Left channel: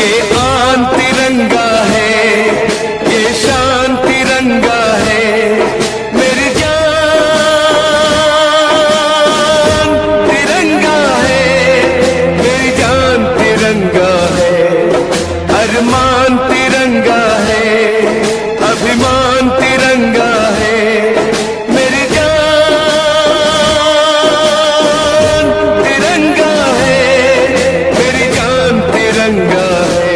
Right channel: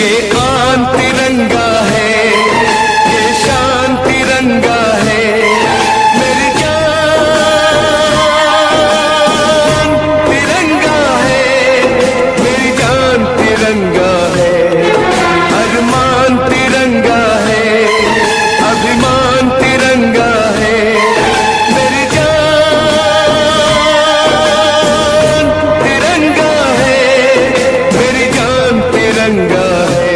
ये आन तिरंगा है, ये शान तिरंगा है, मेरी जान तिरंगा है, मेरी जान तिरंगा है, अरमान तिरंगा है, अभिमान तिरंगा है, मेरी जान तिरंगा है, मेरी जान तिरंगा है।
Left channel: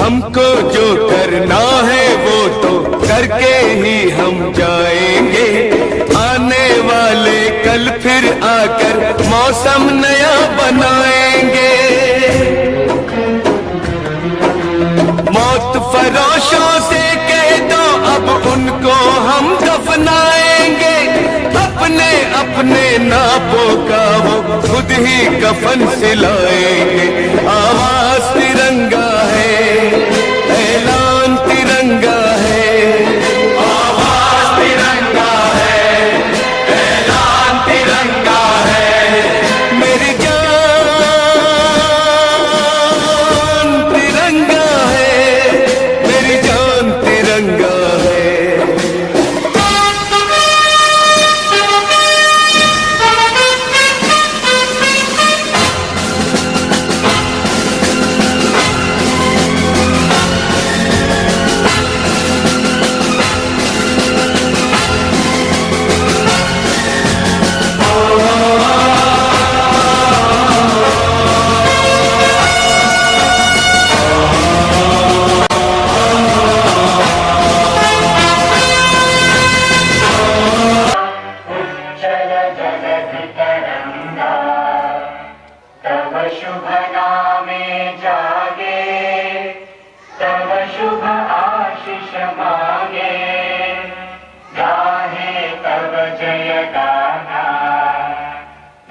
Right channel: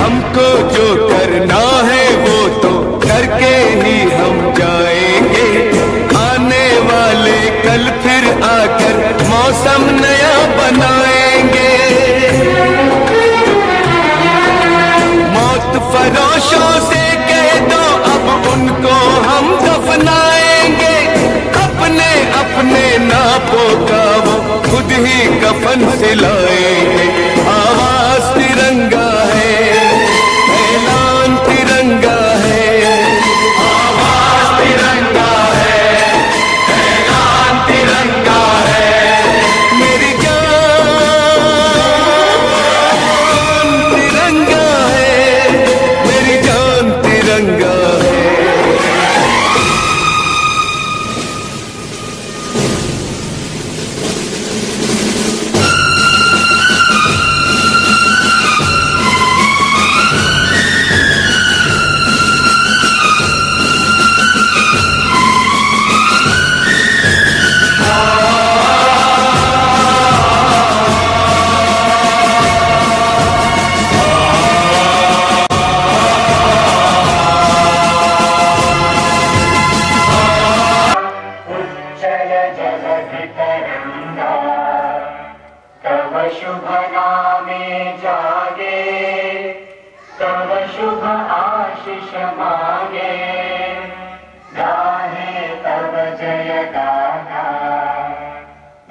हमको जो करना है वो तो करके ही हम जाएंगे, आने वाले कल फिर आकर मौसम नया बनाएंगे। मौत फरोशों से कह दो अब उनको हम दफनाएंगे, अपने अपने नापों का वो खुद ही कफन सिलाएंगे। आवाज तिरंगा है, ऐलान तिरंगा है, आवाज तिरंगा है, ऐलान तिरंगा है, मेरी जान तिरंगा है, मेरी जान तिरंगा है। तव शुभ नामे जागे, तव शुभ आशीष मांगे, गाहे तव जय गाना।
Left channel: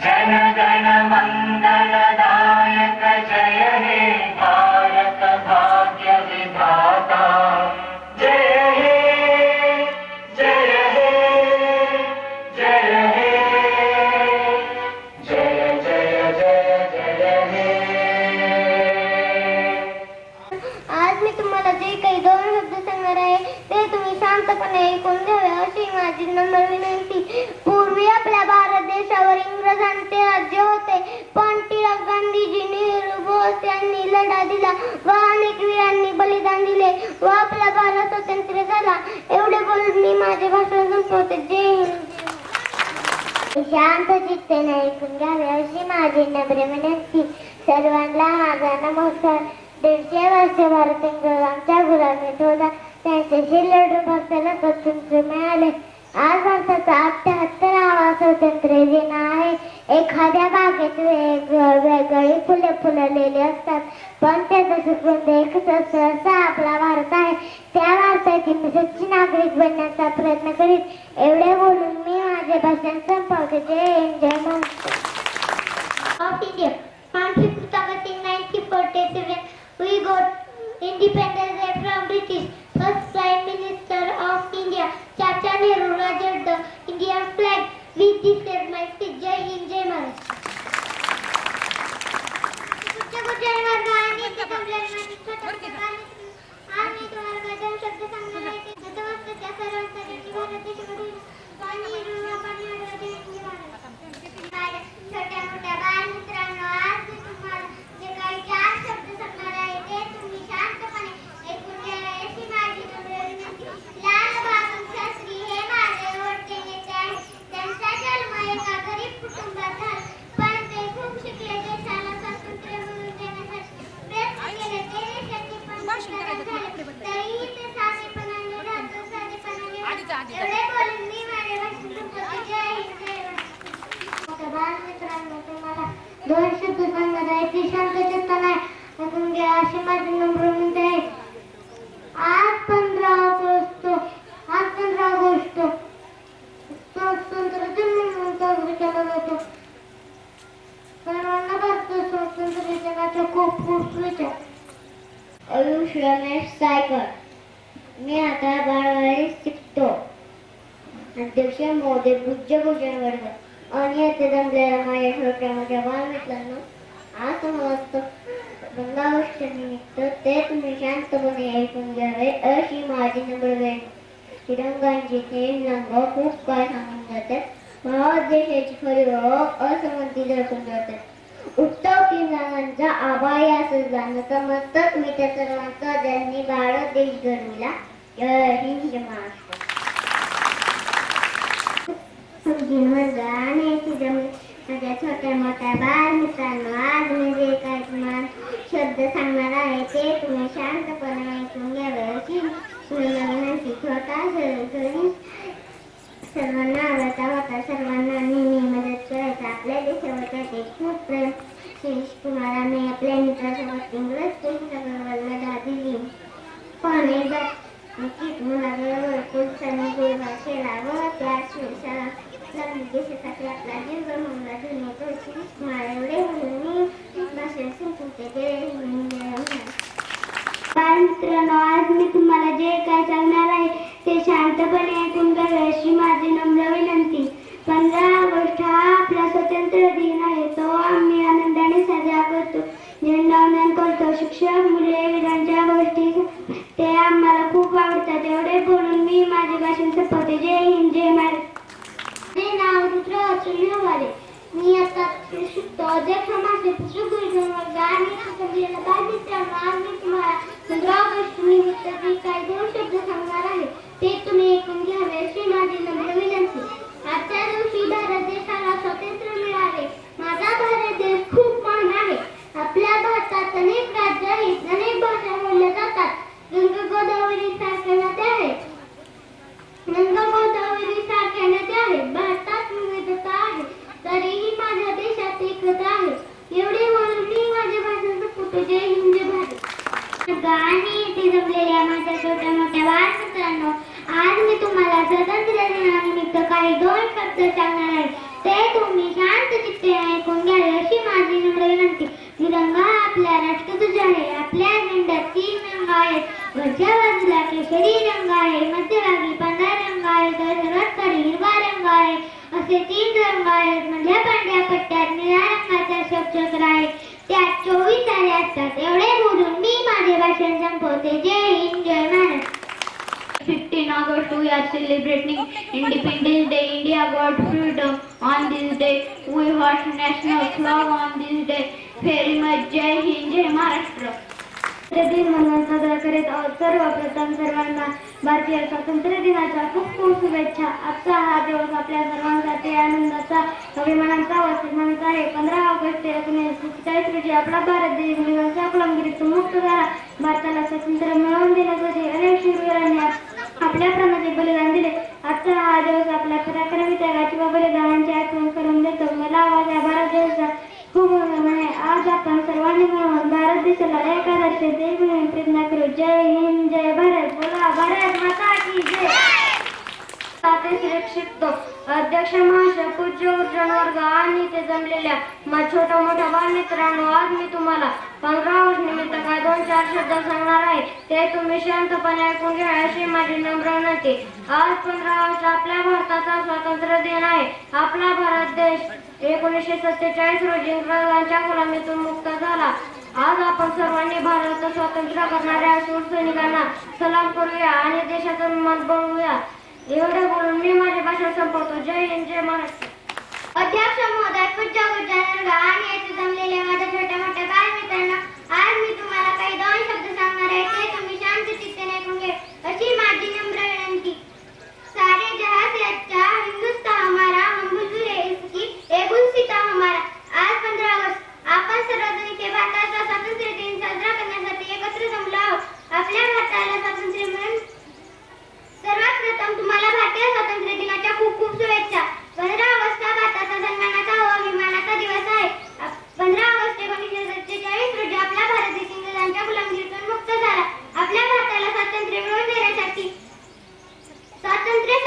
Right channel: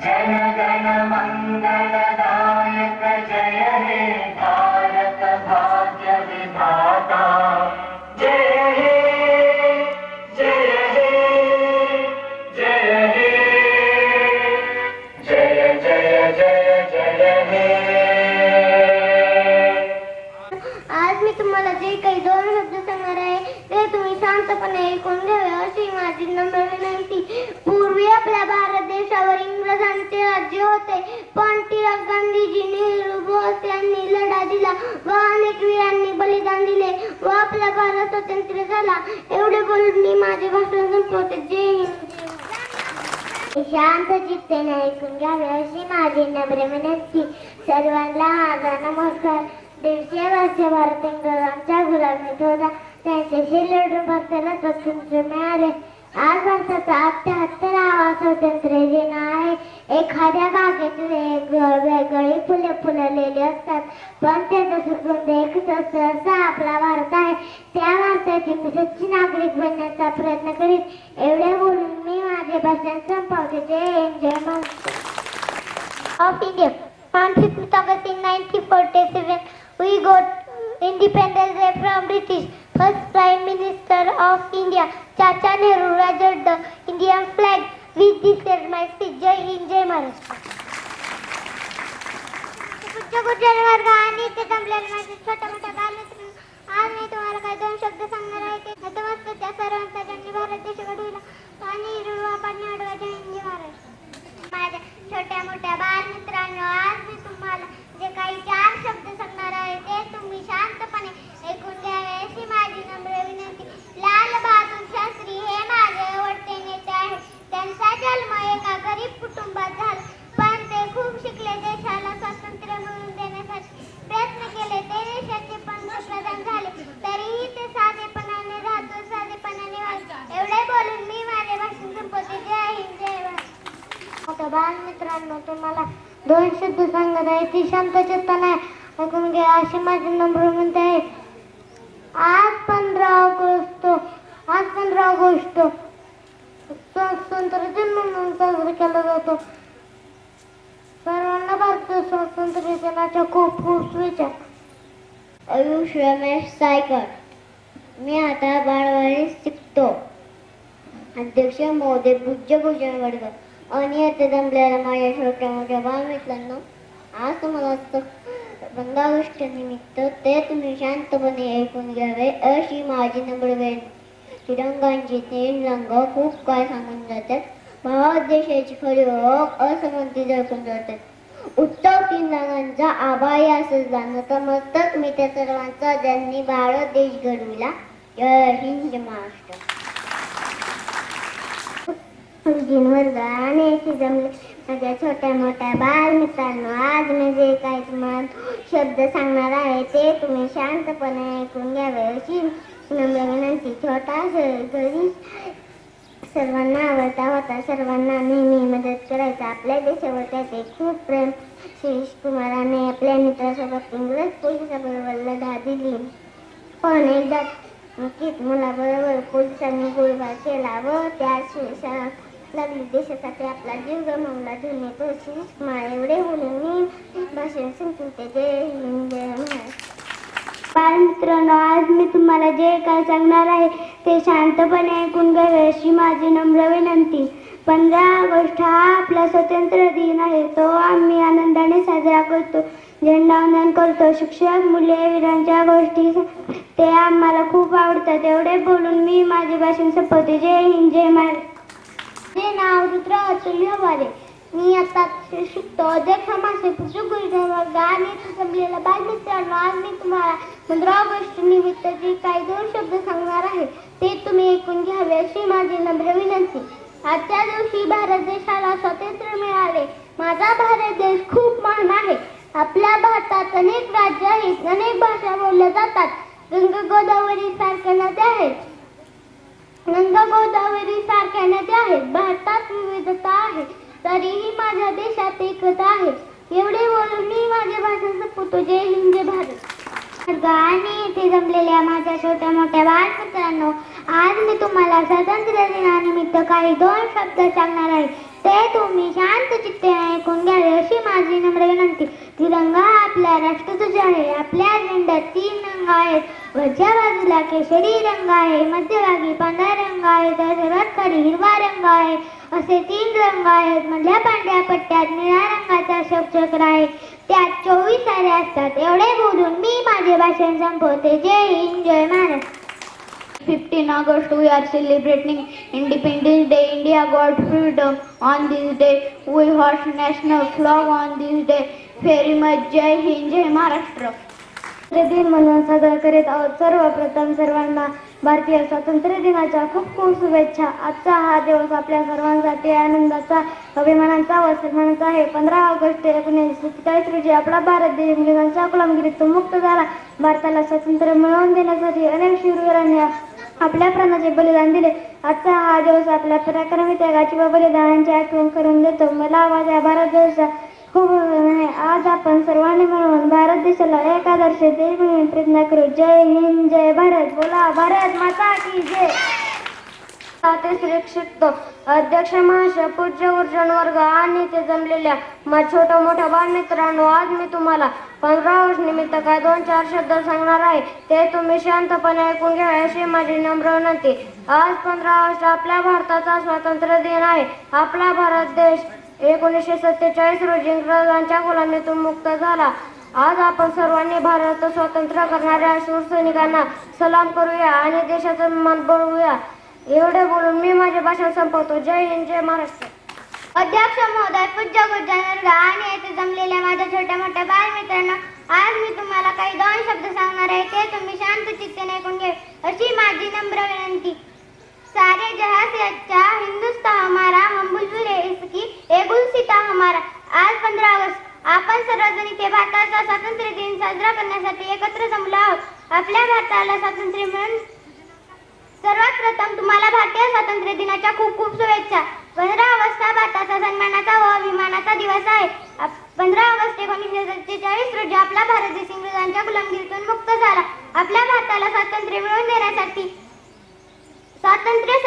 जन गण मंगलदायक जय हे भारत भाग्य विधाता। जय हे जय हे जय हे जय जय जय जय हे। आज मी तुम्हाला जे काही दोन शब्द सांगणार आहे ते तुम्ही शांतपणे ऐकून घ्यावे अशी माझी नम्र विनंती। पूर्वी आपल्या भारत देशावर इंग्रजांचे राज्य होते, पण टिळक, गांधीजी, नेहरू, बोस यांनी लढा दिला व अनेक वीरांनी बलिदान दिले व आपला भारत स्वतंत्र झाला। एवढे बोलून मी माझे भाषण संपवते। जय हिंद। शांत चित्तेने ऐकून घ्यावे अशी माझी नम्र विनंती। सर्वांना माझा नमस्कार। 150 वर्ष भारत इंग्रजांच्या गुलामीत होता, त्यांच्याशी लढून भारताला स्वातंत्र्य मिळाले। आज भारताचा 78वा स्वातंत्र्य दिन आहे। एखाद्या बागेत वेगवेगळी फुले फुललेली असतात, पण त्याचा सुगंध एकच असतो असा आपला भारत आहे। त्या भारताची मी सच्ची नागरिक बनण्याचा प्रयत्न करीत। एवढे बोलून मी माझे भाषण संपवते। जय हिंद, जय Maharashtra. Of India conflict started in 1947. We got independence from British. First Prime Minister of India, Chacha Nehru, raised the Indian flag. With this said my speech. Jai Hind, Jai Maharashtra. आज मी तुम्हाला काही दोन शब्द सांगणार आहे। ते नतमस्तक त्या सर्वांचा ज्यांनी भारत देश घडवला आणि आपण माझ्या छोट्या मोठ्या बालमित्रांनो, आज मी तुम्हाला जे काही 4 शब्द सांगणार आहे ते तुम्ही शांतपणे ऐकून घ्यावे अशी माझी नम्र विनंती। लाल बहादूर शास्त्री हे माझे आवडते नेते आहेत। त्यांचा जन्म एका गरीब कुटुंबात झाला, पण ते खूप शिकले, देशाला स्वातंत्र्य मिळवून देण्यासाठी प्रयत्न केले, ते देशाचे पंतप्रधान झाले, तरीही ते साधेपणाने राहतो, साधेपणाने एवढे बोलून मी माझे भाषण संपवते। जय हिंद, जय महाराष्ट्र। बालमित्रांनो, तुम्हाला 2 शब्द सांगत आहे ती शांत चित्ताने ऐकून घ्या अशी माझी नम्र विनंती आहे। आज 15 ऑगस्ट ऑगस्ट स्वातंत्र्य दिन म्हणून साजरा केला जातो. सर्वांना भारतीय स्वातंत्र्य दिनाच्या खूप खूप शुभेच्छा. आयुष रमेश सायकर. मी आता बारावी शिकतो. अध्यक्ष महोदय, पूज्य गुरुजन वर्ग आणि येथे जमलेल्या माझ्या छोट्या मोठ्या बालमित्रांनो, आज मला 15 ऑगस्ट निमित्त ते तुम्ही शांतपणे ऐकून घ्यावे अशी माझी नम्र विनंती. तिरंगांचे थेंब रंग खूप काय सांगून जातात. भारत देशाची खरी ओळख असमंती दर्शवून जातात. उत्सव तिरंगांचा आभाया सजला नतमस्तक मी त्या सर्वांचा ज्यांनी भारत देश घडविला. जय हिंद महाराष्ट्र. माझ्या छोट्या मोठ्या बाल मित्रांनो, आज मी जे काही तुम्हाला शब्द सांगणार आहे ते तुम्ही शांतपणे ऐकून घ्यावे अशी विनंती. छोटा सर्वांना आवडता होता, सर्वांना नेहमी मदत करायचा. आपल्या देशावर त्याचे खूप प्रेम. शिरीष कुमाराने आपल्या मित्रासोबत इंग्रज पोलिसाबरोबर लढा दिली, पण एकदा नक्कीच मुलाबरोबर पोलिसांनी गोळीबार केला व त्या लागली. देशासाठी आपला जीव गमावला. तो शिरीष कुमार एवढे बोलून मी भाषण संपवते. जय हिंद, जय महाराष्ट्र. मित्रांनो, आज मी तुम्हाला जे काय सांगणार आहे ते शांतपणे ऐकून घ्यावे अशी माझी नम्र विनंती. 15 ऑगस्ट हा आपला स्वातंत्र्य दिन आहे. तो आम्ही आनंदाने साजरा करतो, झेंडावंदन करतो. शिक्षक, मुले, वीरांच्या गोष्टी ते आम्हाला खूप आवडतात. एवढे बोलून मी माझे भाषण संपवते. जय हिंद, जय महाराष्ट्र. माझे नाव रुद्र अतुल वारे. मी आता शिकतो. अध्यक्ष माझे पूज्य गुरुजन वर्ग आणि जमलेल्या बालमित्रांनो, आज मी तुम्हाला 15 ऑगस्ट निमित्त जे काही 2 शब्द सांगणार आहे ते तुम्ही ऐकून घ्यावे अशी माझी नम्र विनंती. आजच्या दिवशी भारत देशाला स्वातंत्र्य मिळाले. माझा भारत देश खूप महान आहे. आपल्या भारतात अनेक राज्य आहेत, अनेक भाषा बोलल्या जातात. गंगा गोदावरी सारख्या नद्या आहेत. भारतात विविधता आहे, तरीही माझ्या देशात एकता आहे. एवढे बोलून मी माझे भाषण संपवतो. जय हिंद, जय भारत. आणि इथे जमलेल्या माझ्या छोट्या मोठ्या बालमित्रांनो, आज मी तुम्हाला स्वातंत्र्य दिनानिमित्त काही 2 शब्द सांगणार आहे ते तुम्ही शांत चित्ते ऐकून घ्यावे अशी माझी नम्र विनंती. तिरंगा आपल्या राष्ट्रध्वज आहे. आपल्या झेंड्यात 3 रंग आहेत. वरच्या बाजूला केशरी रंग आहे, मध्यभागी पांढरा रंग आहे, तर सर्वात खाली हिरवा रंग आहे. असे 3 रंग आहेत. मधल्या पांढऱ्या पट्ट्यात निळ्या रंगाचा अशोक चक्र आहे. त्यात 24 तारे असतात. एवढे बोलून मी माझे भाषण संपवते. जय हिंद, जय Maharashtra. 15 August we are celebrating Independence Day. India got freedom on this day. We hoist national flag on this day. Very much. जय हिंद, जय महाराष्ट्र. दिन म्हणून साजरा करीत आहोत. सर्वप्रथम सर्वांना भारतीय स्वातंत्र्य दिनाच्या खूप खूप शुभेच्छा. आजचा हा दिवस आपल्या सर्वांसाठी आनंदाचा, अभिमानाचा व सन्मानाचा आहे. 15 ऑगस्ट 1947 रोजी आपला भारत देश इंग्रजांच्या गुलामगिरीतून मुक्त झाला. भारताला स्वातंत्र्य मिळवून देण्यासाठी अनेक शूरवीरांनी आपल्या प्राणाचे बलिदान दिले. आजचा हा दिवस आपल्या पराक्रमी त्यागाची व बलिदानाची आठवण करून देतो. मला माझ्या भारत देशाचा खूप आहे. आज आपण सर्वांनी मिळून भारत देशाला एक आदर्श देश म्हणून प्रयत्न करू. जय हिंद, जय भारत. बोला भारत माता की जय. शिकतो. अध्यक्ष महाशय, पूज्य गुरुजन वर्ग आणि ते जमलेल्या छोट्या मोठ्या बालमित्रांनो, आज मी तुम्हाला 15 ऑगस्ट निमित्त काय 2-4 शब्द सांगणार आहे ते तुम्ही शांतपणे ऐकून घ्या अशी माझी नम्र विनंती. आज 15 ऑगस्ट आपल्या भारताचा स्वातंत्र्य दिन आहे. आपला भारत देश 1947 रोजी इंग्रजांच्या गुलामीतून मुक्त झाला. आज आपण सर्वांनी भारत स्वतंत्र करणाऱ्या शूरसैनिकांना सलाम करूया आणि देशाचा मान बळवूया. एवढे बोलून मी माझे भाषण संपवतो. जय हिंद, जय महाराष्ट्र. अध्यक्ष महोदय, पूज्य गुरुजन वर्ग आणि येथे जमलेल्या माझ्या छोट्या मोठ्या बालमित्रांनो, आज मी तुम्हाला काही 2 शब्द सांगणार आहे ते तुम्ही शांत चित्तेने ऐकून घ्या अशी माझी नम्र विनंती. सारे जहां से अच्छा हिंदुस्तान हमारा, हम बुलबुल इसकी ए गुलसिता हमारा. आज 15 ऑगस्ट आपण सर्वजण इथे भारताचा स्वातंत्र्य दिन साजरा करण्यासाठी एकत्र जमलो आहोत. आपल्या भारताला स्वातंत्र्य मिळून सर्वात प्रथम तुम्हाला भारतीय स्वातंत्र्य दिनाच्या खूप खूप शुभेच्छा. 15 ऑगस्ट हा भारताचा सन्मानाचा व अभिमानाचा दिवस आहे. 15 ऑगस्ट 1947 रोजी आपला भारत देश इंग्रजांच्या गुलामगिरीतून मुक्त झाला. आपल्या भारताला स्वातंत्र्य मिळवून देण्यासाठी स्वातंत्र्य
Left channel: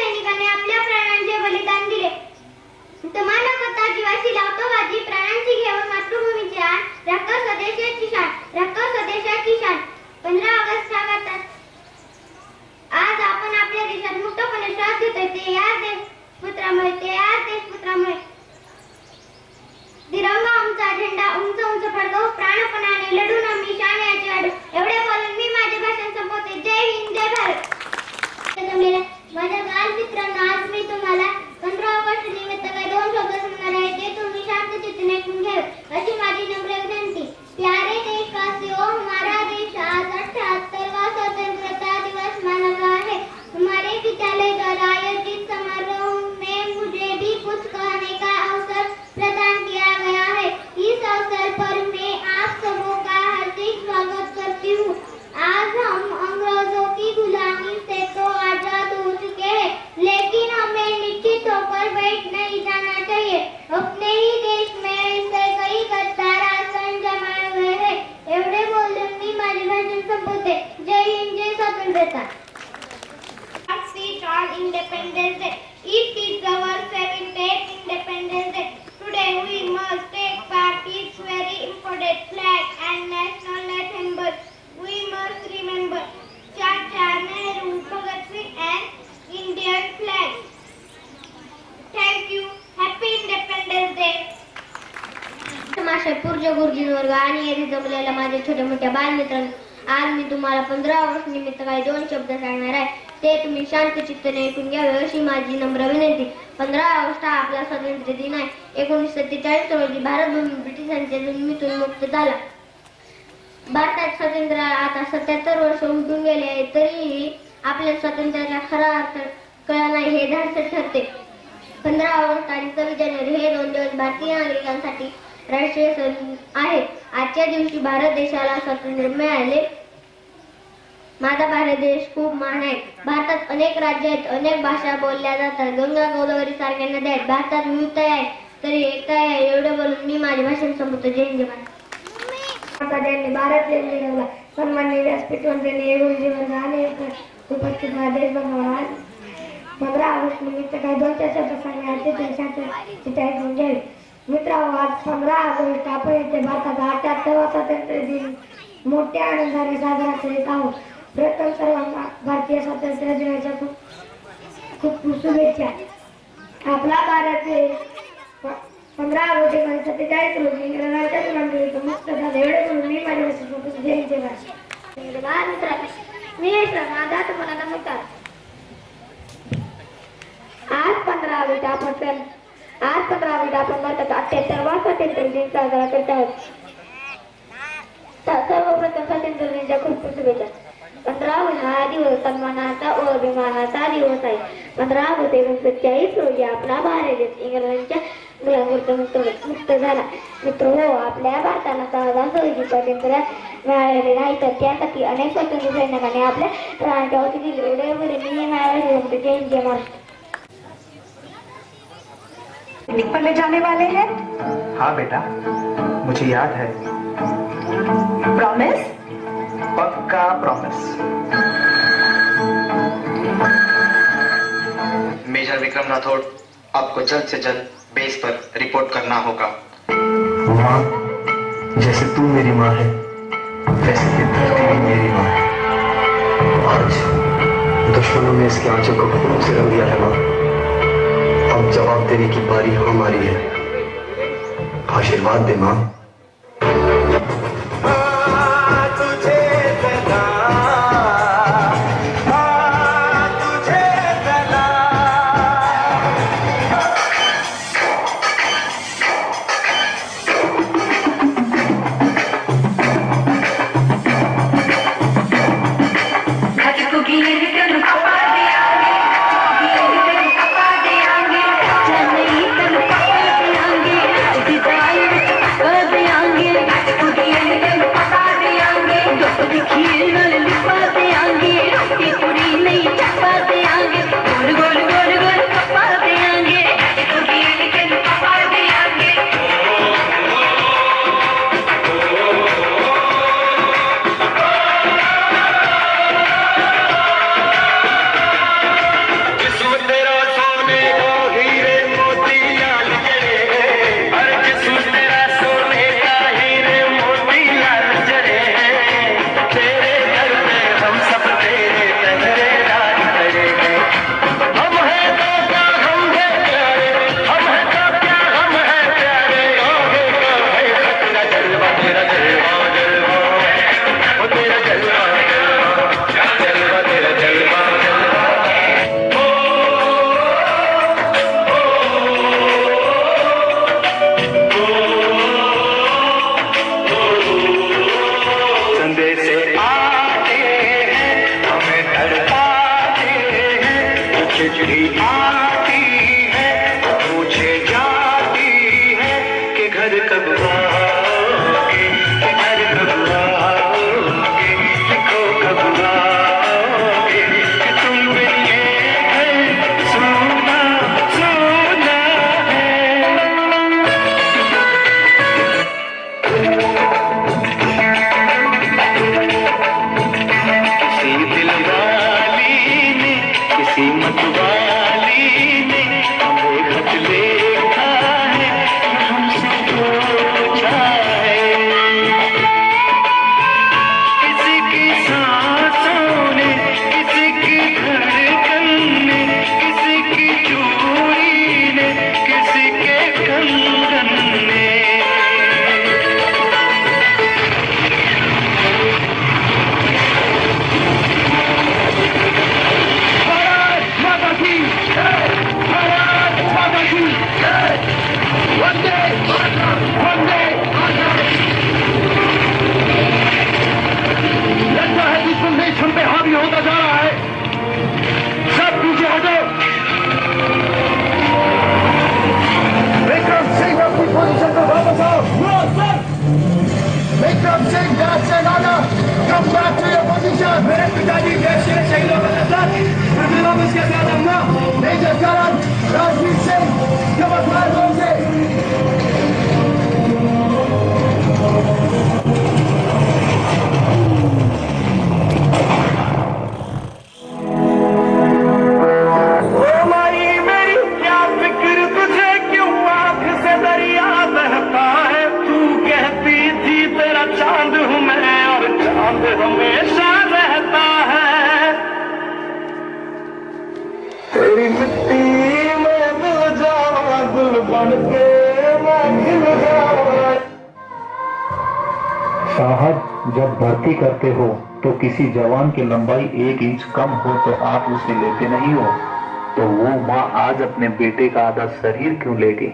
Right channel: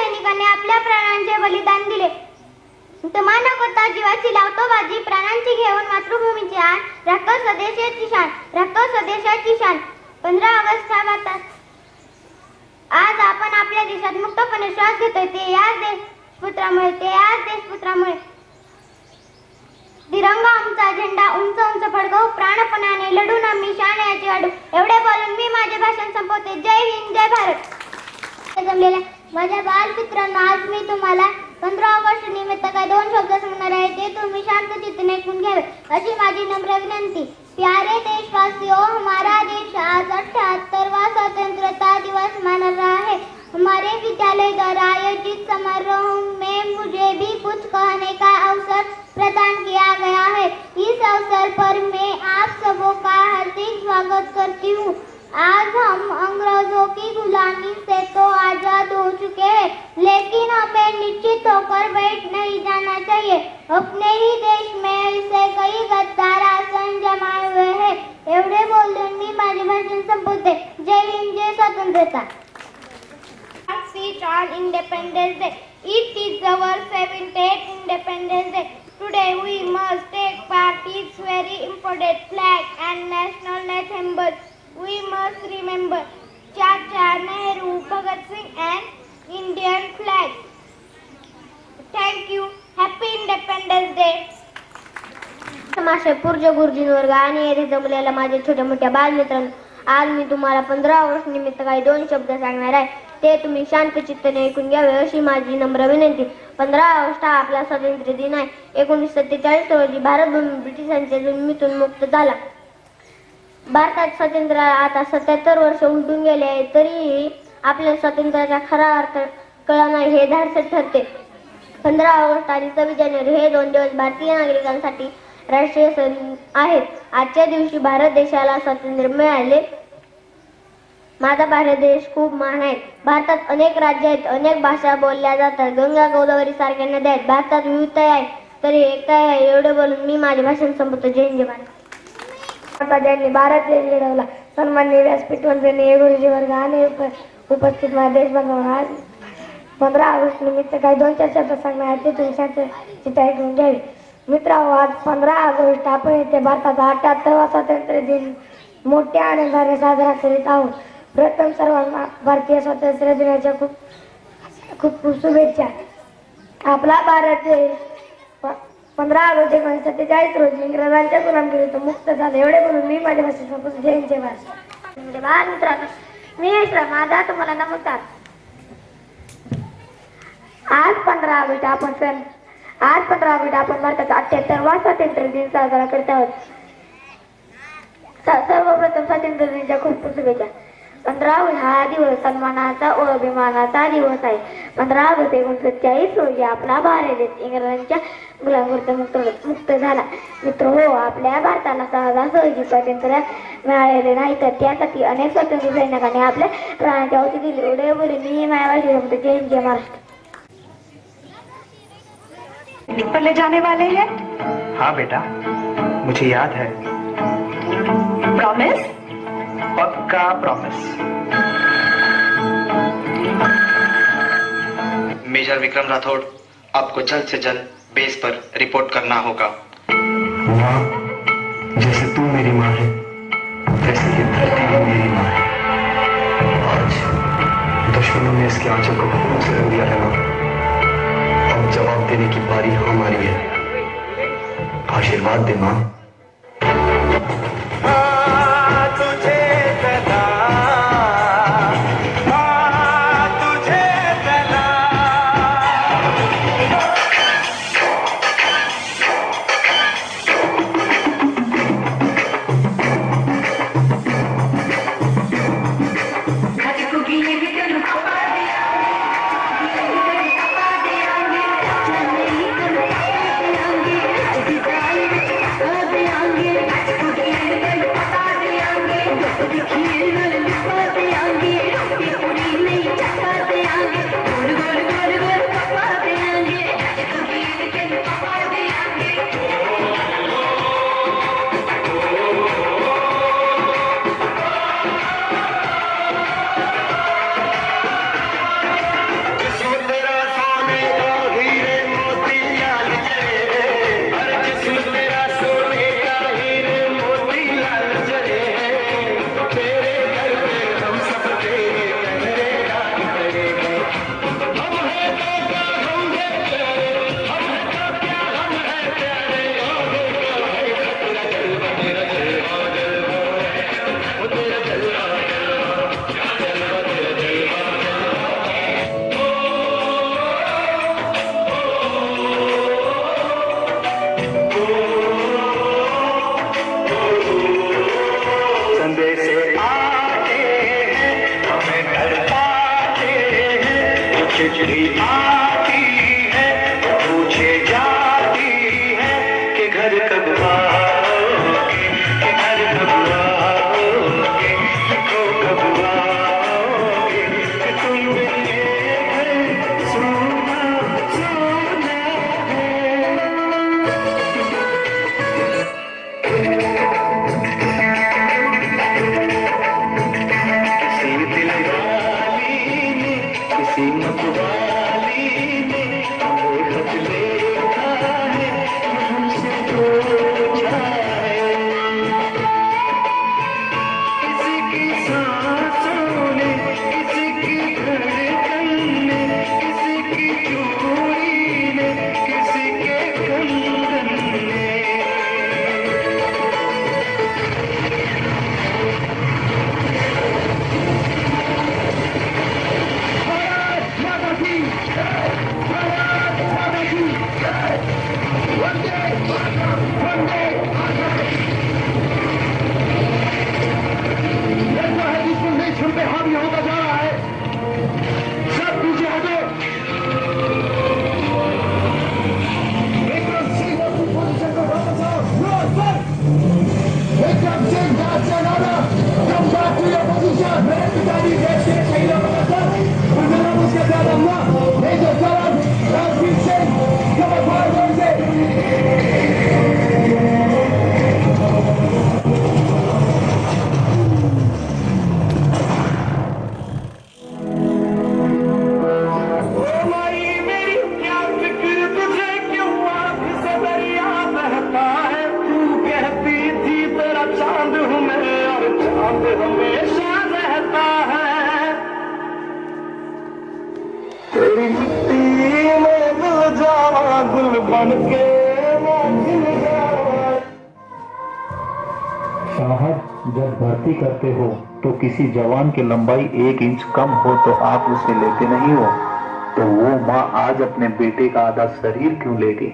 शस्त्रामुळे ते आज देशपुत्रामुळे तिरंगा आमचा झेंडा उंच उंच फडकवू प्राणपणाने लढून आम्ही शाण्याची अडू. एवढे बोलून मी माझे भाषण संपवते. जय हिंद जय भारत. माझ्या बालमित्रांनो, आज मी तुम्हाला 15 ऑगस्ट निमित्त काही 2 शब्द सांगणार आहे ते तुम्ही शांत चित्ताने ऐकून घ्यावे अशी माझी नम्र विनंती. प्यारे देशवासियों, हमारा देश आज 78वां स्वतंत्रता दिवस मना रहा है. हमारे विद्यालय द्वारा आयोजित समारोह में मुझे भी कुछ कहने का अवसर प्रदान किया गया है. इस अवसर पर मैं आप सबों का हार्दिक स्वागत करती हूँ. आज हम अंग्रेजों की गुलामी से तो आजाद हो चुके हैं, लेकिन हमें निश्चित होकर बैठ नहीं जाना चाहिए. अपने ही देश में ऐसे कई गद्दार आसन जमाए हुए हैं. एवढे बोलून मी माझे भाषण संपवते. जय हिंद जय स्वतंत्रता. Speech on Independence Day. It is our 78th Independence Day. Today we must take part its very important flag and national anthem. We must remember Chacha Nehru, Bhagat Singh and Indian flag. Thank you. Happy Independence Day. समाशय पूज्य गुरुजी वर्ग आणि येथे जमलेल्या माझ्या छोट्या मोठ्या बालमित्रांनो, आज मी तुम्हाला 15 ऑगस्ट निमित्त काही 2 शब्द सांगणार आहे ते तुम्ही शांत चित्ताने ऐकून घ्यावे अशी माझी नम्र विनंती. 15 ऑगस्ट हा आपला स्वातंत्र्य दिन आहे. 1947 रोजी भारत भूमी ब्रिटिशांच्या जुलमीतून मुक्त झाला. भारतात स्वातंत्र्य आता 77 वर्ष उलटून गेले आहे, तरीही आपल्या स्वातंत्र्याचा खरा अर्थ कळला नाही हे धाडस ठरते. 15 ऑगस्ट आणि 26 जानेवारी हे 2 दिवस भारतीय नागरिकांसाठी राष्ट्रीय सण आहेत. आजच्या दिवशी भारत देशाला स्वातंत्र्य मिळाले. माझा भारत देश खूप महान आहे. भारतात अनेक राज्य आहेत, अनेक भाषा बोलल्या जातात, गंगा गोदावरी सारख्या नद्या आहेत. भारतात विविधता आहे तरी एकता आहे. एवढे बोलून मी माझे भाषण संपवतो. जय हिंद जय भारत. ज्यांनी भारत देश घडवला सन्माननीय व्यासपीठ मंत्र्यांनी गुरुजी वर्ग आणि उपस्थित माझ्या देशबांधवांना आज 15 ऑगस्ट निमित्त काही 2-4 शब्द सांगणार आहे ते तुम्ही शांत चित्ताने ऐकून घ्यावे. मित्रांनो, आज 15 ऑगस्ट आपण येथे भारताचा 78वा स्वातंत्र्य दिन मोठ्या आनंदाने साजरा करीत आहोत. प्रथम सर्वांना भारतीय स्वातंत्र्य दिनाच्या खूप शुभेच्छा. आपला भारत देश 15 ऑगस्ट 1947 रोजी इंग्रजांच्या गुलामीतून मुक्त झाले. एवढे म्हणून मी माझ्या भाषेत जय हिंद जय भारत. मित्रांनो, मी माझा तुम्हाला नमस्कार. आज 15 ऑगस्ट आपण भारताचा 78वा स्वातंत्र्य दिन साजरा करत आहोत. सर्वप्रथम स्वातंत्र्य दिनाच्या खूप शुभेच्छा. 15 ऑगस्ट हा दिवस सन्मानाचा व अभिमानाचा दिवस आहे. 15 ऑगस्ट 1947 रोजी आपला भारत देश इंग्रजांच्या गुलामीतून मुक्त झाला. मित्र हो, आपल्या भारताला सहजासहजी स्वातंत्र्य मिळालेले नाही, तर त्यासाठी अनेक स्वातंत्र्य सैनिकांनी आपल्या प्राणाची आहुती दिली. एवढे बोलून मी माझ्या भाषेत जय हिंद जय महाराष्ट्र. चले जाने वाले हैं? हाँ बेटा, मुझे याद है. प्रॉमिस? पक्का प्रॉमिस. मेजर विक्रम राठौड़, आपको जल्द से जल्द बेस पर रिपोर्ट करना होगा. माँ, जैसे तू मेरी माँ है, वैसे ये धरती भी मेरी माँ है. आज दुश्मनों ने इसके आंचल को खून से रंग दिया है माँ. अब जवाब देने की बारी हमारी है. आशीर्वाद दे माँ. हम सब चिट्ठी आती है, पूछे जाती है कि घर कब आओगे, घर कब आओगे, लिखो कब आओगे, कि तुम बिन ये घर सूना सूना है। किसी दिलवाली ने, किसी मतवाली ने हमें खत लिखा है, हमसे पूछा है। किसी की सांसों ने, किसी की धड़कन ने, किसी की चूड़ी ने, किसी के कंगन ने। लगता है कि संदेश हम पे हावी होता जा रहा है। सब पीछे हटो। विक्रम सिंह अपनी पोजीशन पर वापस आओ। Vikram Singh that's an order, come back to your position. मेरे पिताजी देश के शहीदों का साथ मैं वापस के साथ आऊंगा। मेजर जनरल राजवीर सिंह कवर फायर होंगे। चांद हूँ मैं और चांद हमेशा रहता है। तेरी मिट्टी में मिल जावा, गुल बन के मैं खिल जावा। साहब, जब भर्ती करते हो तो किसी जवान की लंबाई 1 इंच कम हो तो आप उसे लेते नहीं हो, तो वो माँ आज अपने बेटे का आधा शरीर क्यों लेगी?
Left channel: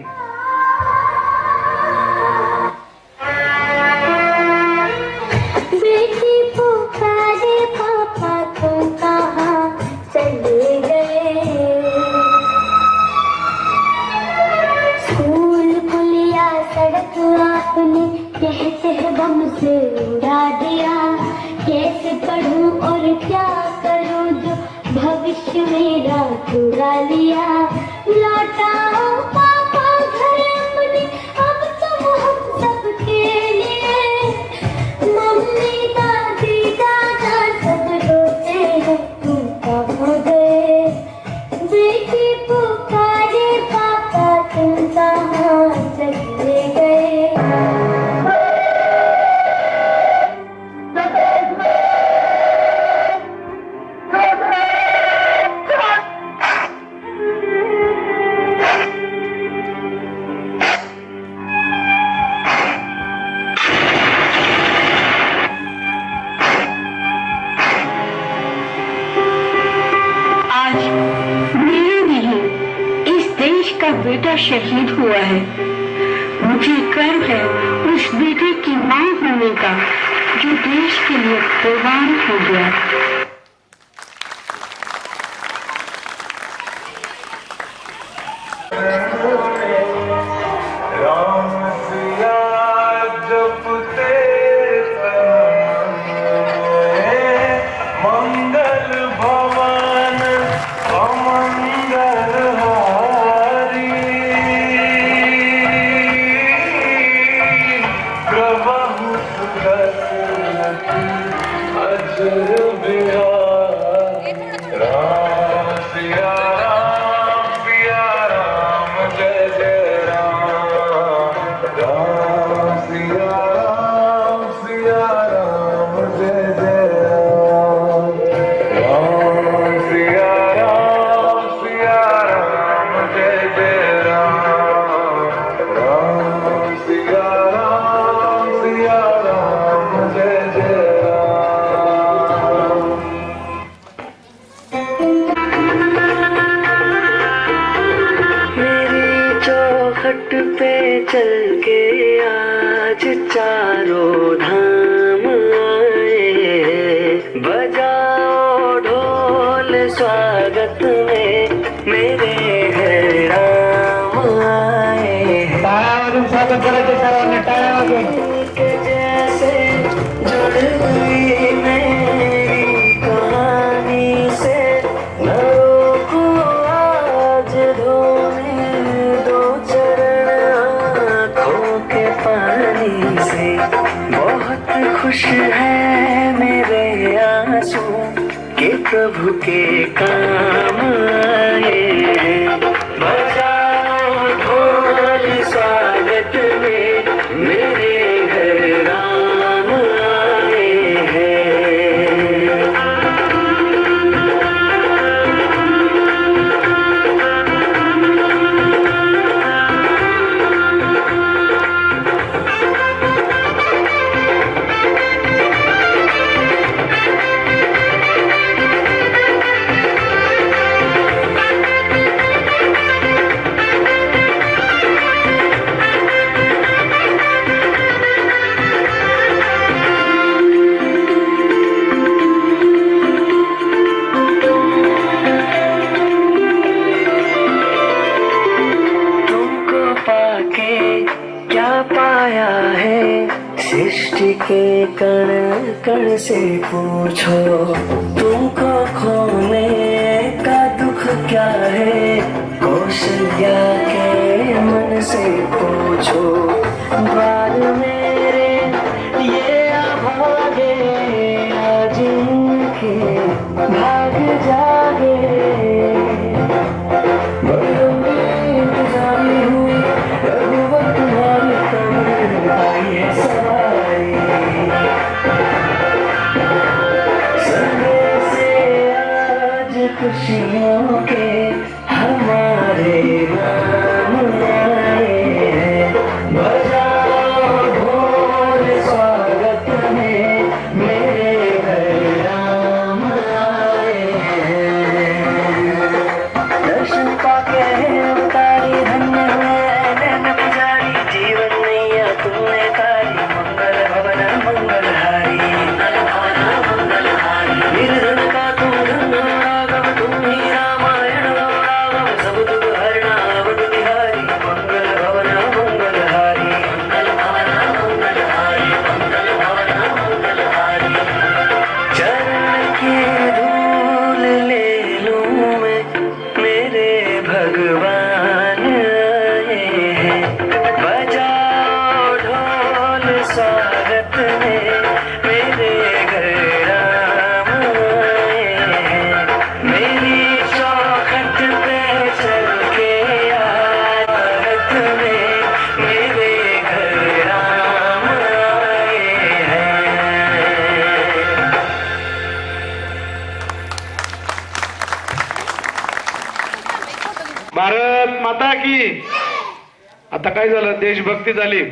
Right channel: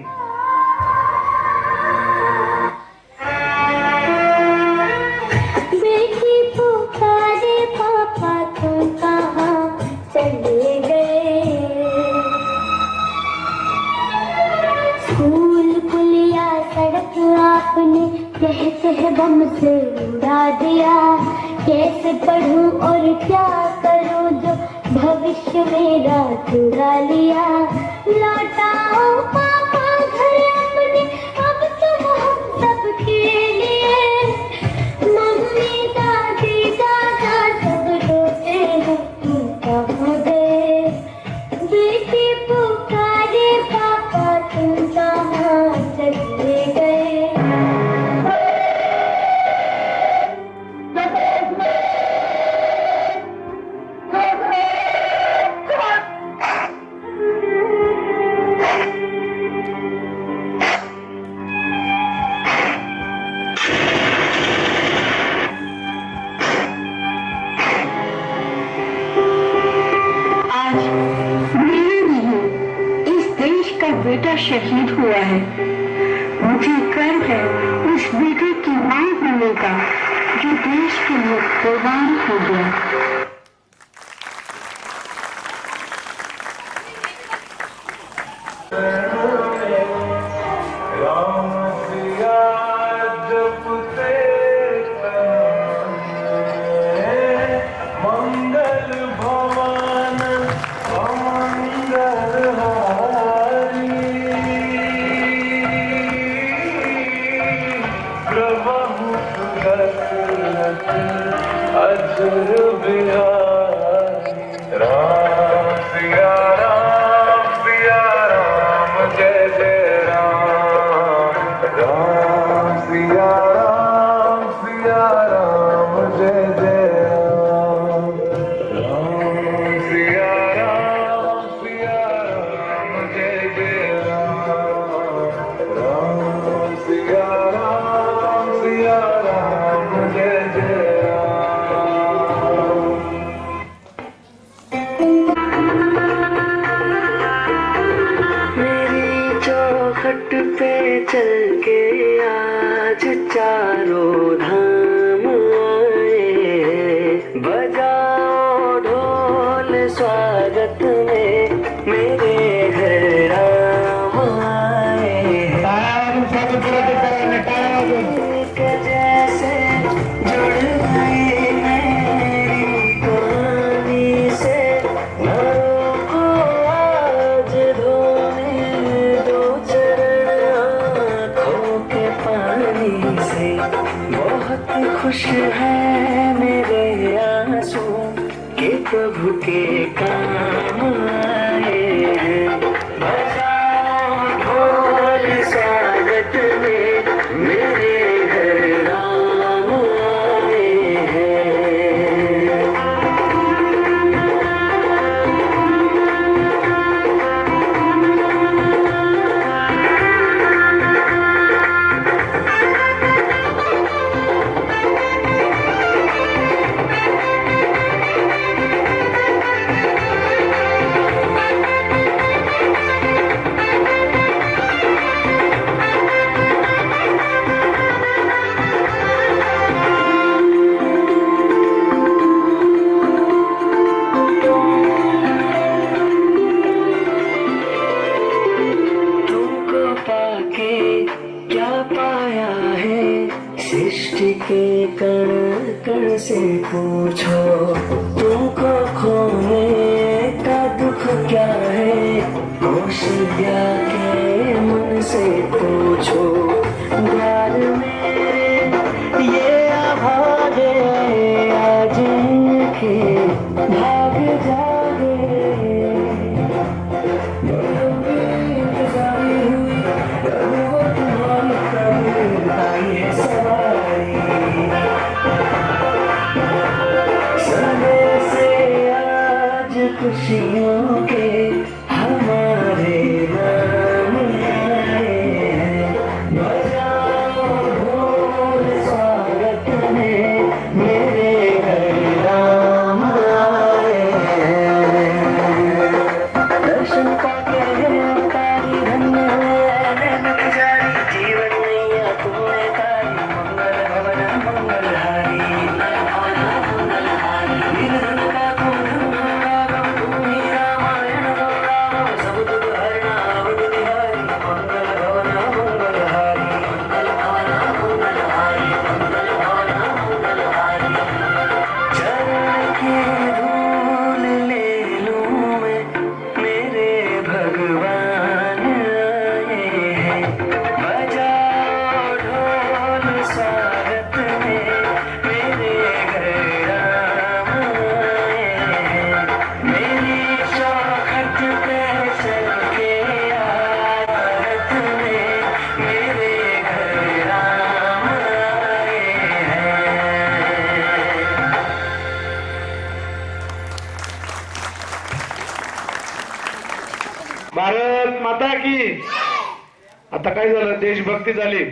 दम से उड़ा दिया, कैसे पढ़ूं और क्या करूं जो भविष्य मेरा चुरा लिया। लौटाओ पापा घर अपने, अब तुम हम सबके लिए। मम्मी दादी दादा सब रोते हैं, तुम कहाँ गए। बेटी पुकारे पापा, तुम कहाँ चले गए। बेटा शहीद हुआ है। मुझे गर्व है उस बेटे की मां होने का जो देश के लिए कुर्बान हो गया। घाट पे चल के आज चारों धाम आए, बजाओ ढोल स्वागत में। प्रभु के काम आए हैं। बजाओ ढोल स्वागत में मेरे घर राम आए हैं। तुमको पाके क्या पाया है, सृष्टि के कण कण से पूछो। तुमको खोने का दुख क्या है, कौशल्या के मन से पूछो। द्वार मेरे ये अभागे, आज इनके भाग जागे। खुशियों के हमारे नाम आए हैं। बजाओ ढोल स्वागत में मेरे घर राम आए हैं। दर्शन पाके अवतारी धन्य हुआ नैन पुजारी, जीवन नैया तुमने तारी। मंगल भवन मंगलहारी, निर्धन का तुम धन राघव, तुम ही रामायण राघव। सब दुख हरना अवध बिहारी, मंगल भवन मंगलहारी। चरण की धूल ले लूं मैं, मेरे भगवान आए हैं। बजाओ ढोल स्वागत में मेरे घर राम आए हैं। मेरी चौखट पे चल के आरत में मेरे घर राम आए हैं। भारत माता की. आता काय झालं, देशभक्ती झाली.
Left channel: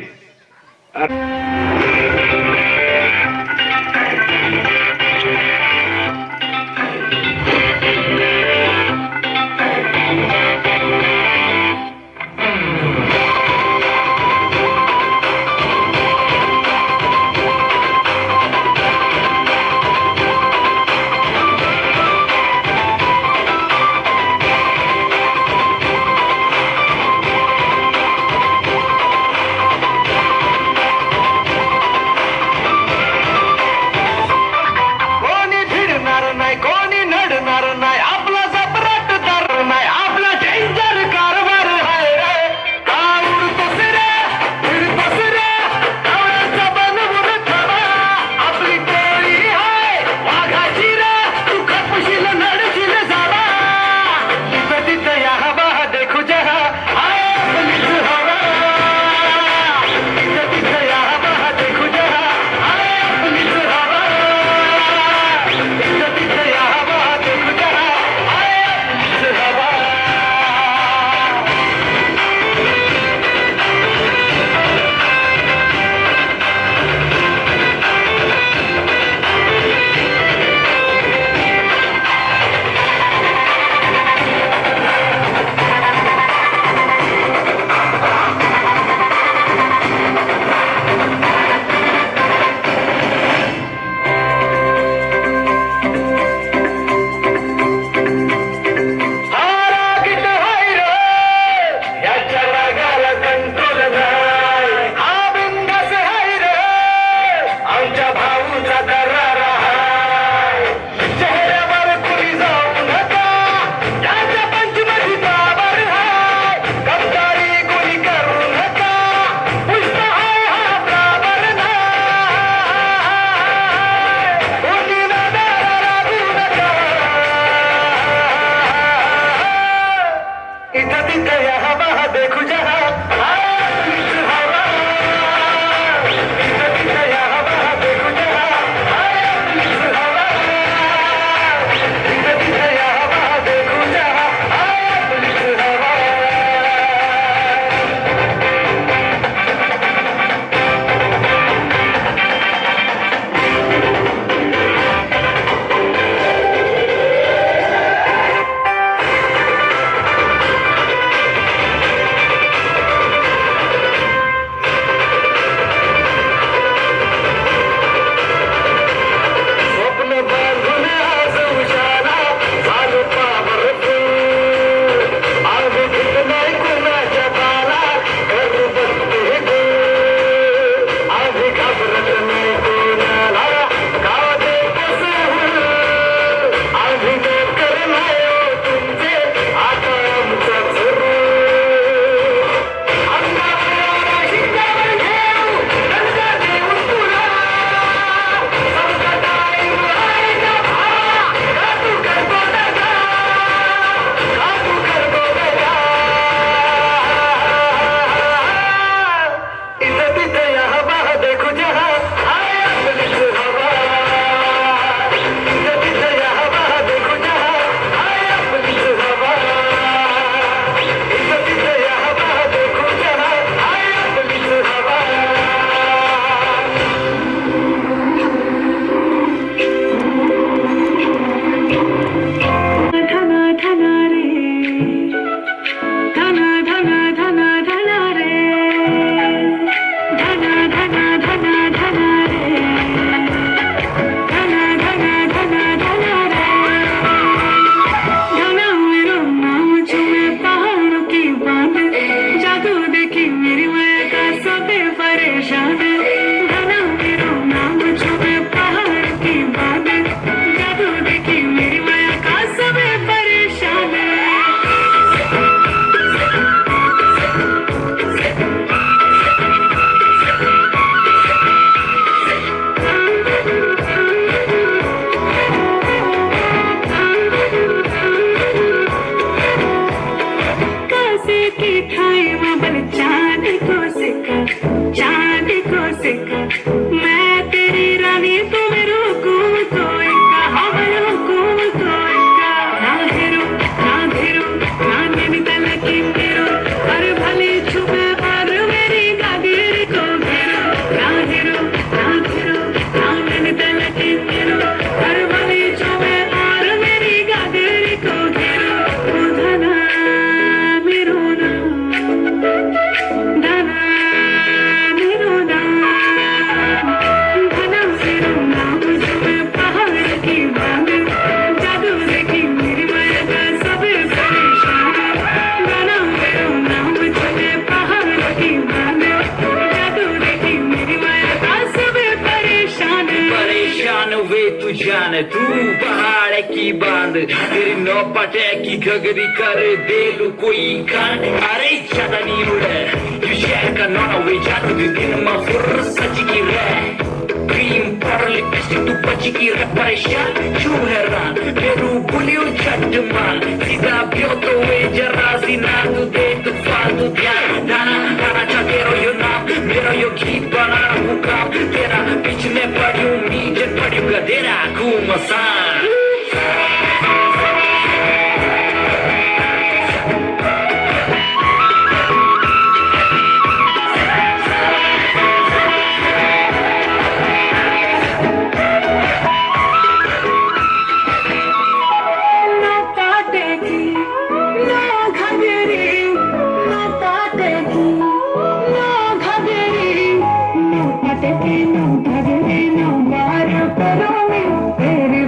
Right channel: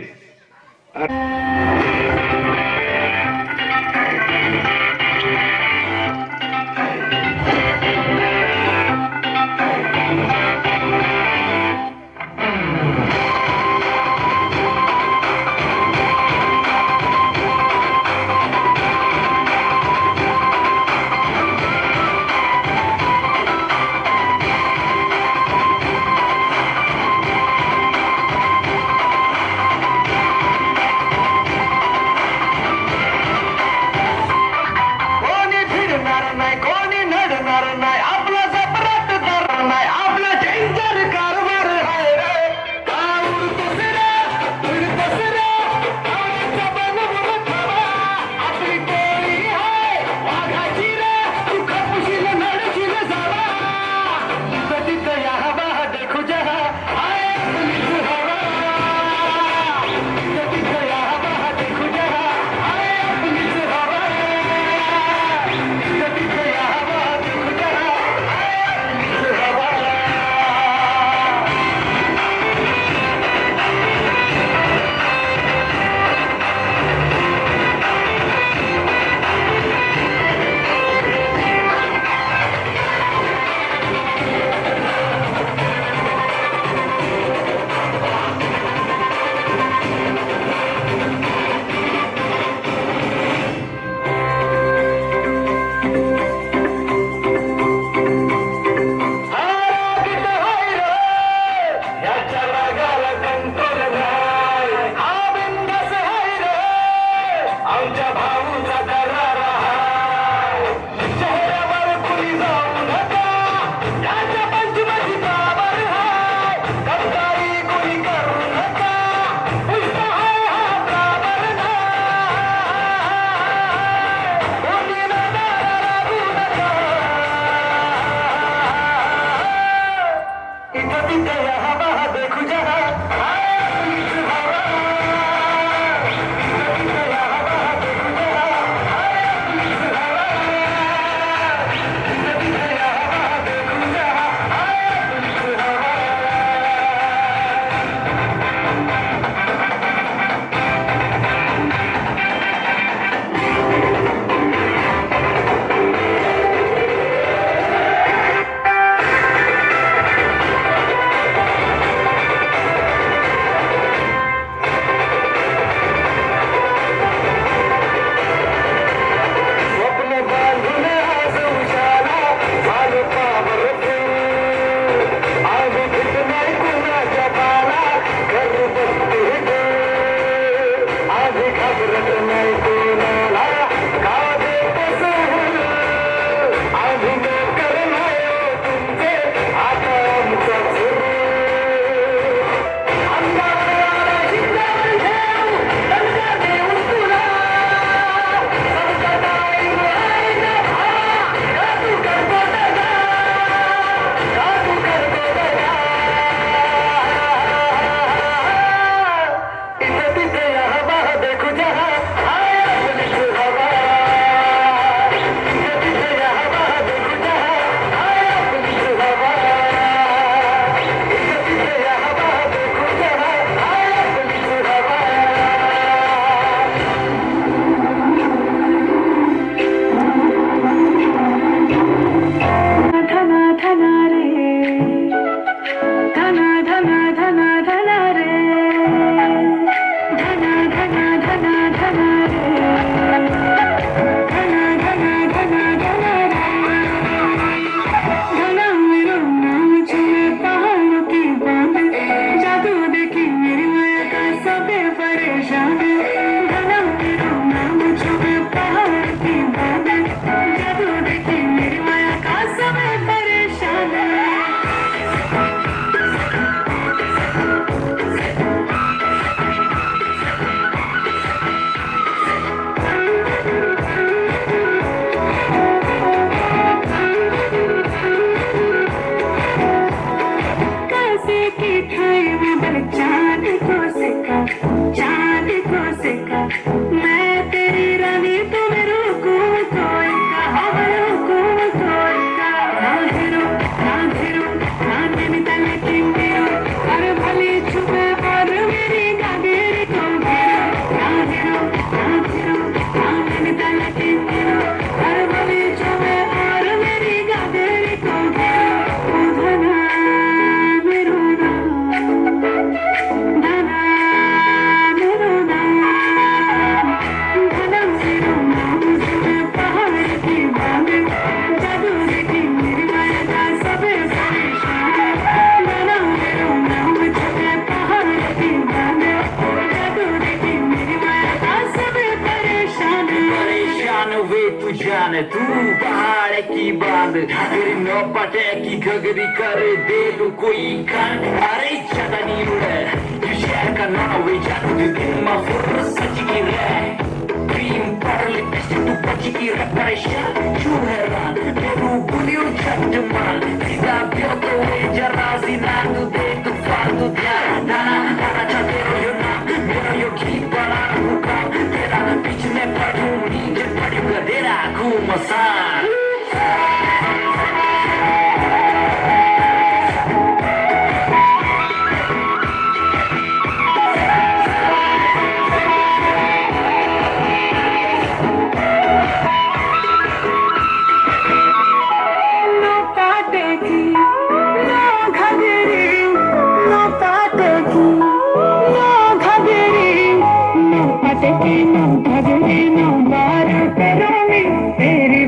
जाने तू पहाड़ की बांध तेरी नौपटे की घगरी कर दे लू कोई कान अरे चटनी उड़े you share का नौवे जादू दिन में फुर्सत की रे क्रीम पर लिपस्टिक तू बची की रे परेशान क्यों हैरान तेरू बुलियो चटमान सीधा पियो तो वे जरा सी ना तू दे तू फालतू ध्यान ना ना तेरो यो नाम मेरा यो गीत बना हुकाम तेरा बीच में पड़ियो नीचे पड़ियो गधेरा घूमसान तेरी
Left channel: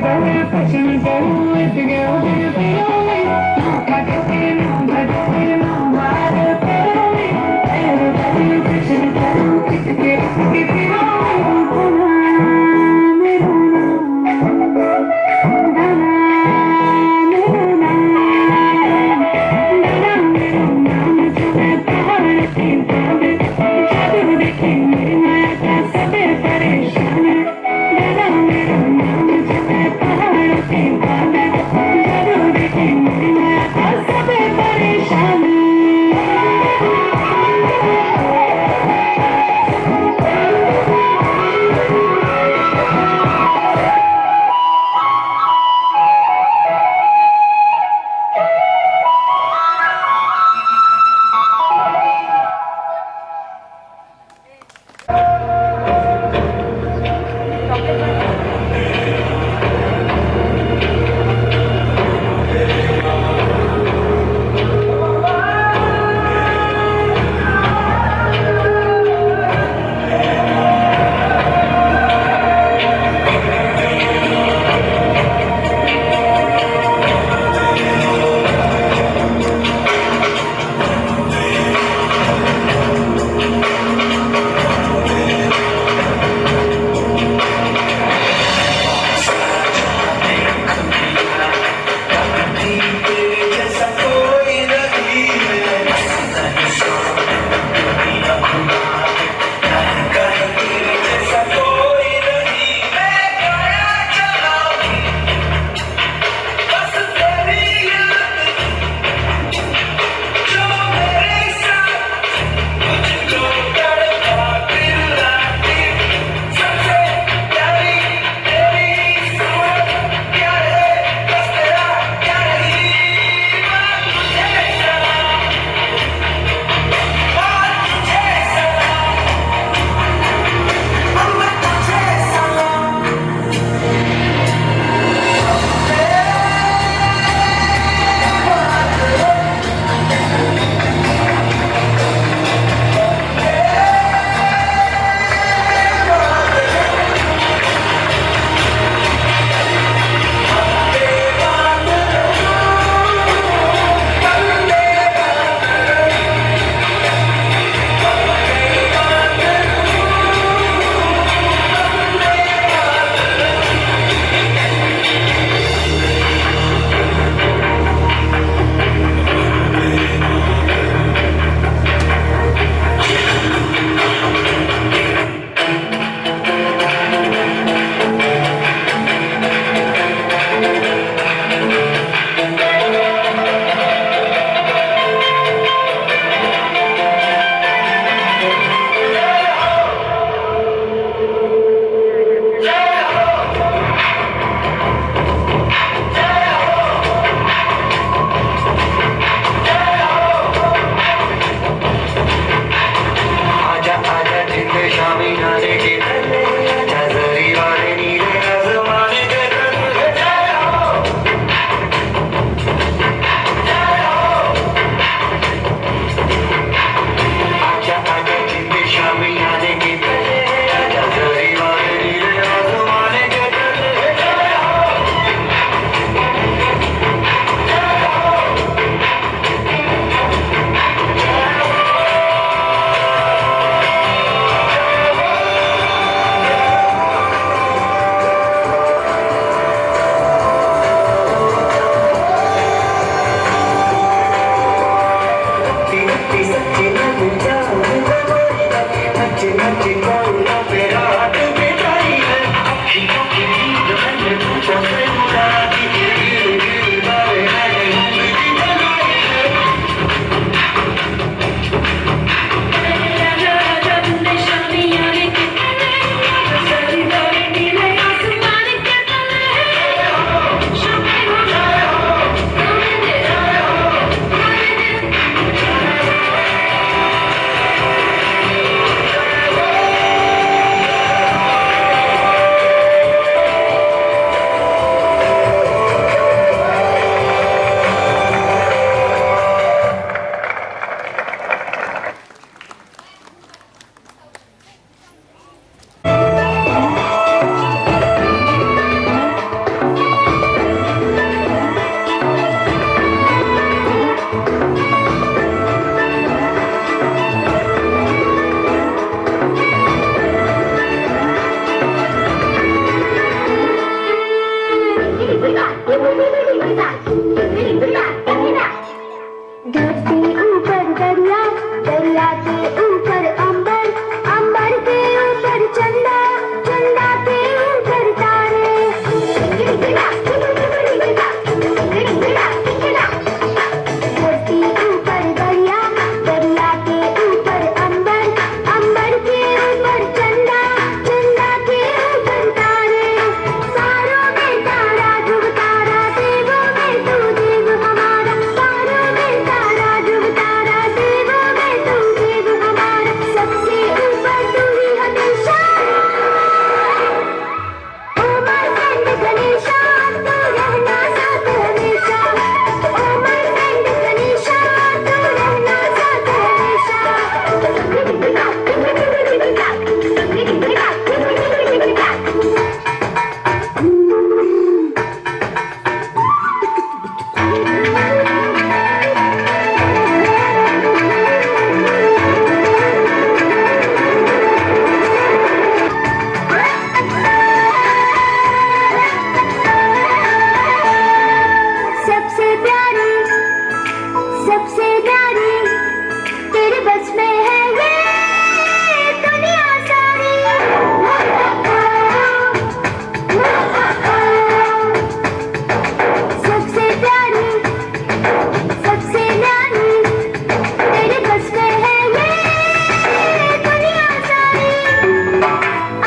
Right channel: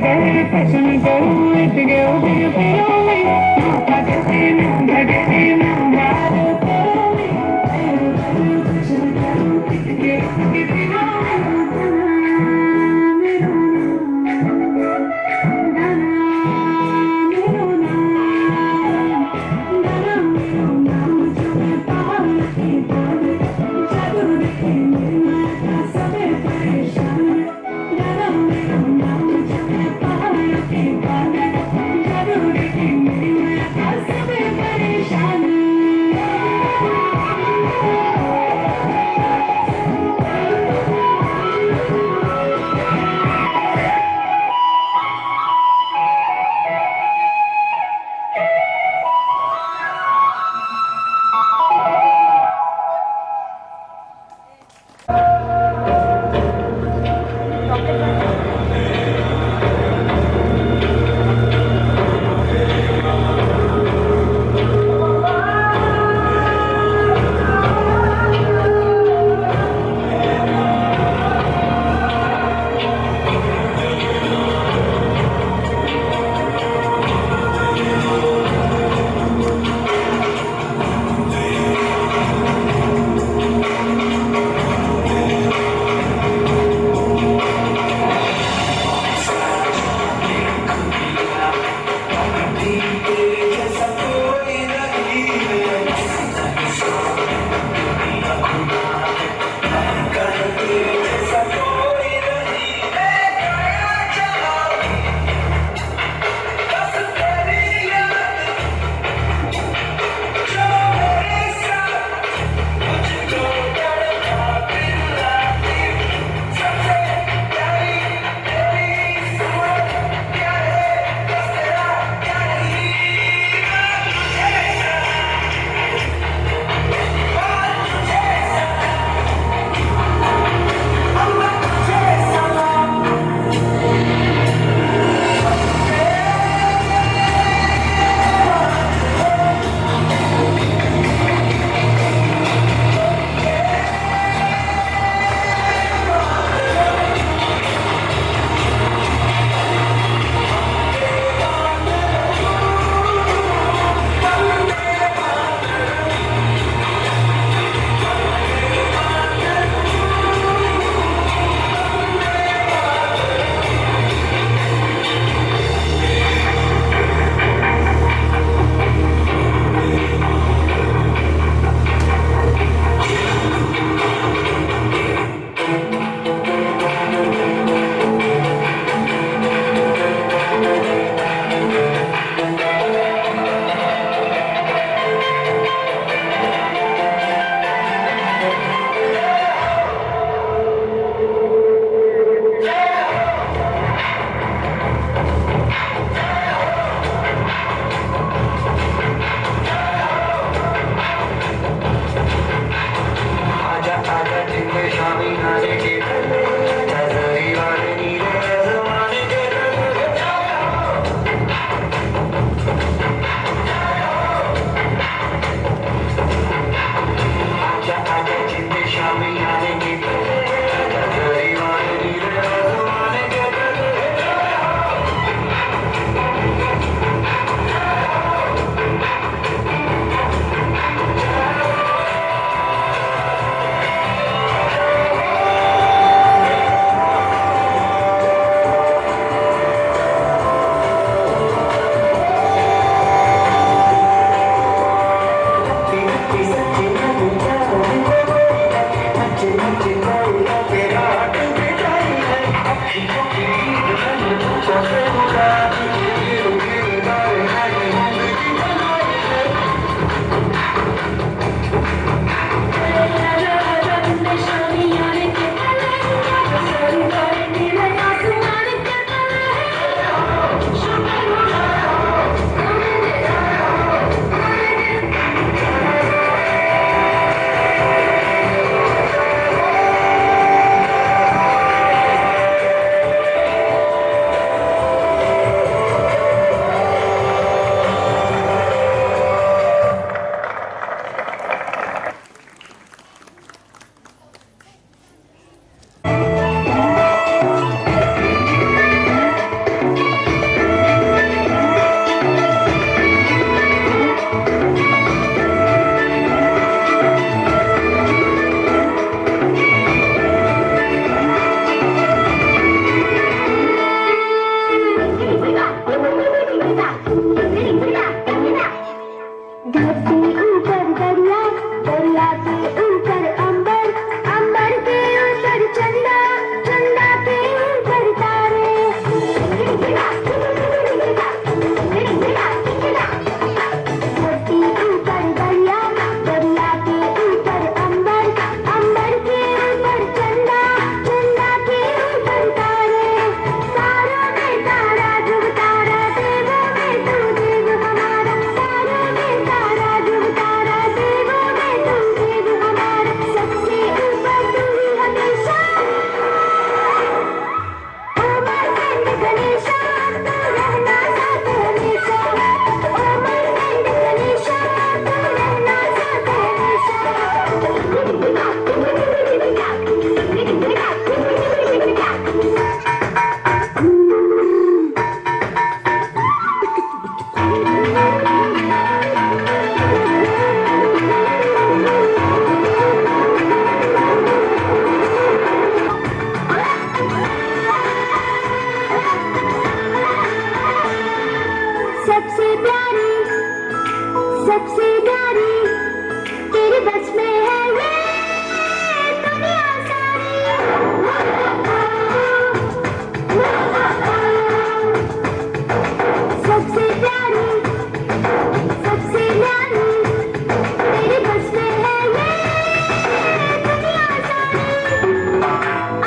धरती ऊपर दरिया, दरिया के ऊपर अंबर, अंबर के ऊपर चंदा, चंदा के ऊपर तारे। धरती ऊपर दरिया, दरिया के ऊपर अंबर, अंबर के ऊपर चंदा, चंदा के ऊपर तारे। तारों में तारा ध्रुव तारा, देवों में तू देव हमारा। तारों में तारा ध्रुव तारा, देवों में तू देव हमारा। सबसे ऊपर तू ही हमेशा, ओ माय फ्रेंड गणेशा, तू रहना साथ हमेशा। ओ माय फ्रेंड गणेशा, तू रहना साथ हमेशा। सबसे प्यारी, सबसे प्यारी, तेरे बस में है ये दुनिया सारी। सबसे प्यारी, सबसे प्यारी, तेरे बस में है ये दुनिया सारी।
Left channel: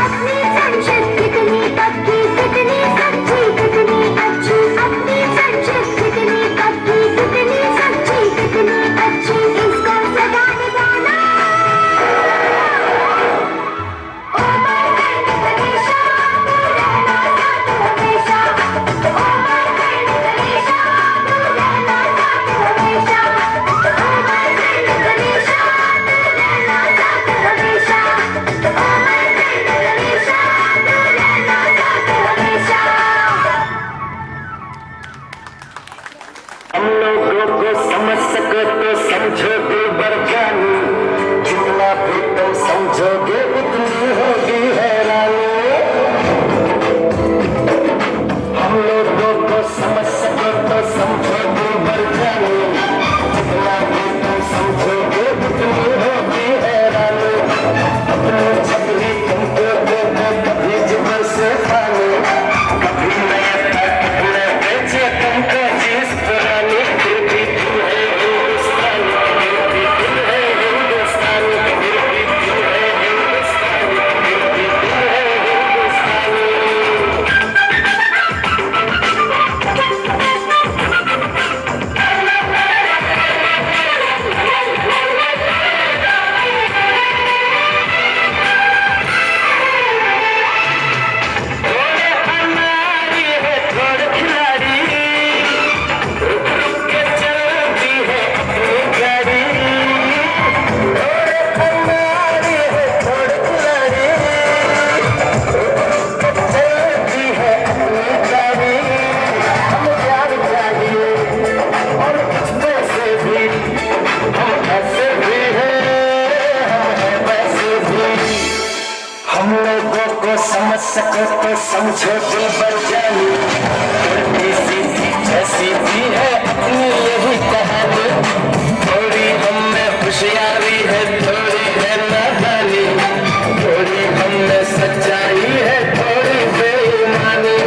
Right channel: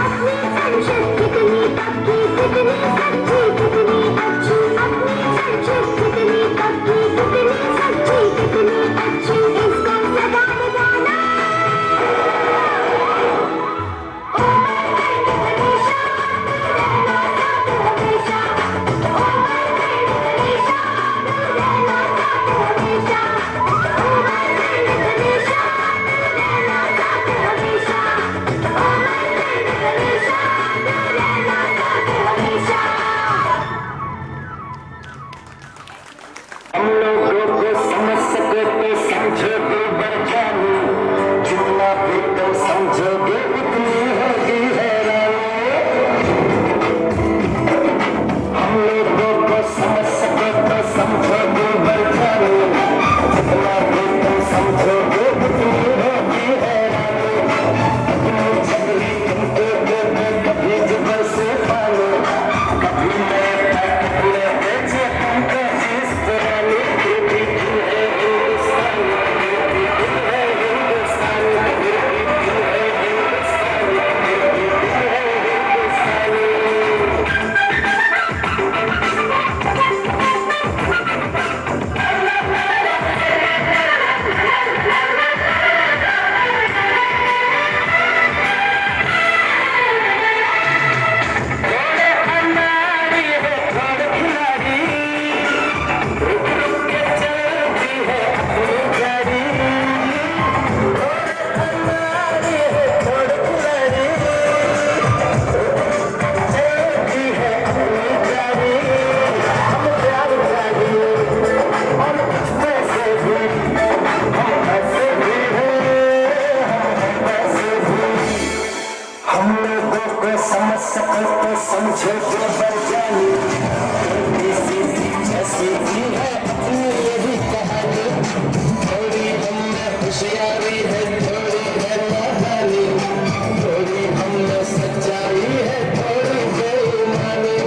अपनी संशत कितनी पक्की, कितनी सच्ची, कितनी अच्छी। अपनी संशत कितनी पक्की, कितनी सच्ची, कितनी अच्छी। इसको सदा निभाना, ओ माय फ्रेंड गणेशा, तू रहना साथ हमेशा। ओ माय फ्रेंड गणेशा, तू रहना साथ हमेशा। ओ माय फ्रेंड गणेशा, तू रहना साथ हमेशा। ओ माय फ्रेंड गणेशा, तू रहना साथ हमेशा। हम लोगों को समझ सको तो समझोगे बरजानी, जितना भी तुम समझोगे उतनी होगी हैरानी। हम लोगों को समझ सको तो समझोगे बरजानी, जितना भी तुम समझोगे उतनी होगी हैरानी। अपनी छपरी तुमको दे दे कभी जुबान से खाने, कभी नया कपड़े बेचे तुमको जींस पुरानी। फिर भी तू है हिंदुस्तानी, फिर भी तू है हिंदुस्तानी, फिर भी तू है हिंदुस्तानी, फिर भी तू है हिंदुस्तानी। थोड़े अनाड़ी है थोड़े खिलाड़ी, रुक रुक के चलती है अपनी गाड़ी। थोड़े अनाड़ी है थोड़े खिलाड़ी, रुक रुक के चलती है अपनी गाड़ी। हम प्यार चाहिए और कुछ पैसे भी, हम ऐसे भी हैं, हम वैसे भी। हम लोगों को समझ सको तो समझो जो बरजानी, थोड़ी सीधी जैसी भी है अपनी ये भी कहानी। थोड़ी हम में होशियारी है, थोड़ी है नादानी, थोड़ी हम में सच्चाई है, थोड़ी बेईमानी।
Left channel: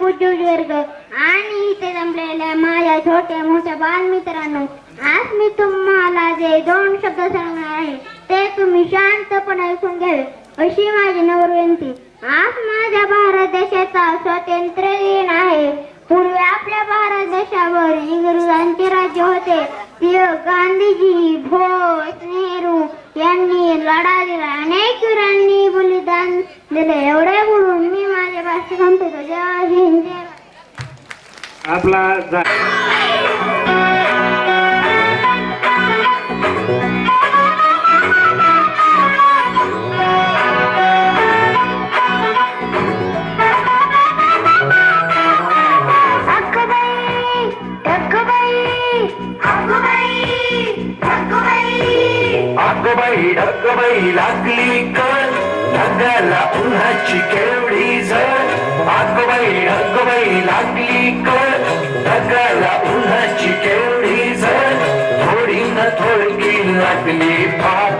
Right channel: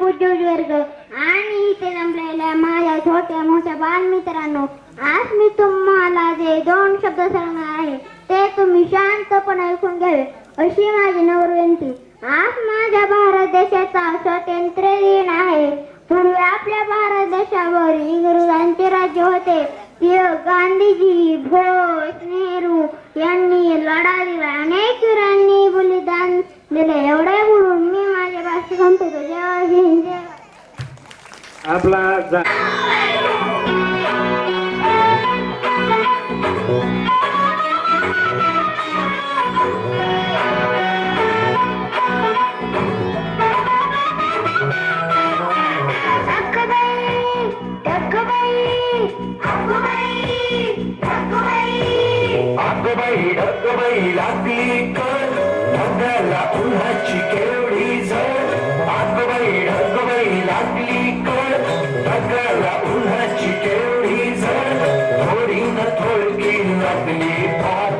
पूज्य वर्ग आणि इथे जमलेल्या माझ्या छोट्या मोठ्या बालमित्रांनो, आज मी तुम्हाला जे 2 शब्द सांगणार आहे ते तुम्ही शांतपणे ऐकून घ्यावे अशी माझी नम्र. आज माझ्या भारत देशाचा स्वातंत्र्य दिन आहे. पूर्वी आपल्या भारत देशावर इंग्रजांचे राज्य होते. गांधीजी, बोस, नेहरू यांनी लढा दिला. अनेक वीरांनी बलिदान दिले. एवढे बोलून मी माझे भाषण संपवतो. जय हिंद, जय आपला ढगबाई लागली कर ढगाला उन्हाची केवढी झळ. ढगबाई लागली कर ढगाला उन्हाची केवढी झळ. थोडी न थोडकी लागली फार,